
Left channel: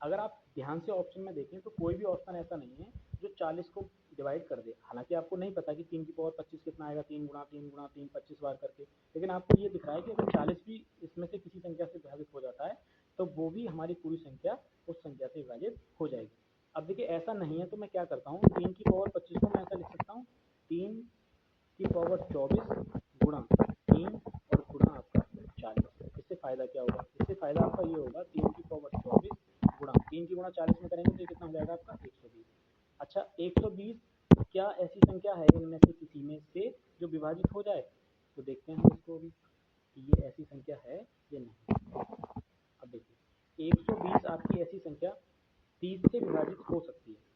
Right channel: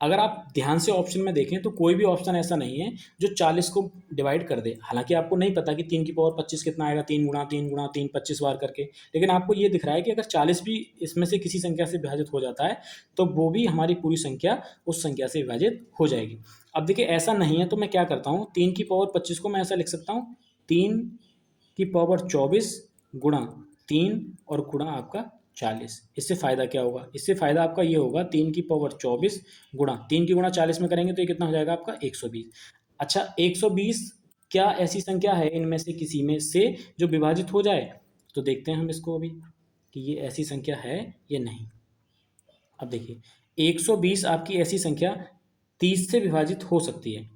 अगर आप ध्यान से ऑप्शन में देखें तो कोई भी ऑप्शन ऐसा नहीं है जो 40 को डिवाइड कर दे। हालांकि आपको नहीं पता कि 3 की पावर 25 कितना आएगा, 3 गुणा 3 25 बार करके, लेकिन आपको ये दिख रहा है कि अगर 40 भी इसमें से किसी संख्या से विभाजित हो जाता है तो वो भी हमारी पूरी संख्या उस संख्या से विभाजित हो जाएगी। अब देखिए ऐसा नहीं है तो मैं क्या करता हूँ, 3 की पावर 25 को मैं ऐसा लिख सकता हूँ 3 की पावर 24 गुणा 3 और गुणा आपका 40। इससे फ़ायदा क्या होगा, इससे फ़ायदा आपका ये होगा 3 की पावर 24 गुणा 3 की गुणा 40 में करेंगे तो ये कितना हो जाएगा आपका 120। अच्छा 120 क्या ऐसी संख्या है इनमें से किसी में से जो विभाजित हो जाए, तो देखते हैं हम इसको अभी कि ये ऐसी संख्या है या नहीं। अब देखिए 120 आपकी ऐसी संख्या 30 से विभाजित हो सकती है,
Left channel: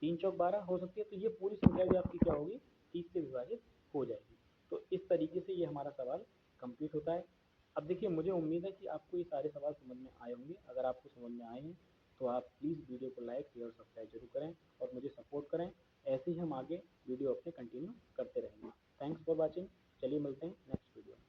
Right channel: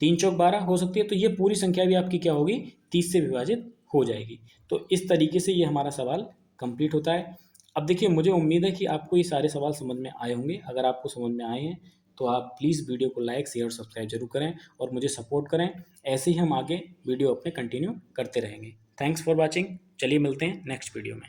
3 चौक 12 हो सकती है, तो ये पूरी संख्या भी आपकी क्या होगी 30 से विभाजित हो जाएगी। तो इस तरीके से ये हमारा सवाल कंप्लीट होता है। अब देखिए मुझे उम्मीद है कि आपको ये सारे सवाल समझ में आए होंगे। अगर आपको समझ में आए हैं तो आप प्लीज़ वीडियो को लाइक शेयर और सब्सक्राइब जरूर करें और मुझे सपोर्ट करें। ऐसे ही हम आगे वीडियो अपने कंटिन्यू करते रहेंगे। Thanks for watching. चलिए मिलते हैं नेक्स्ट वीडियो में।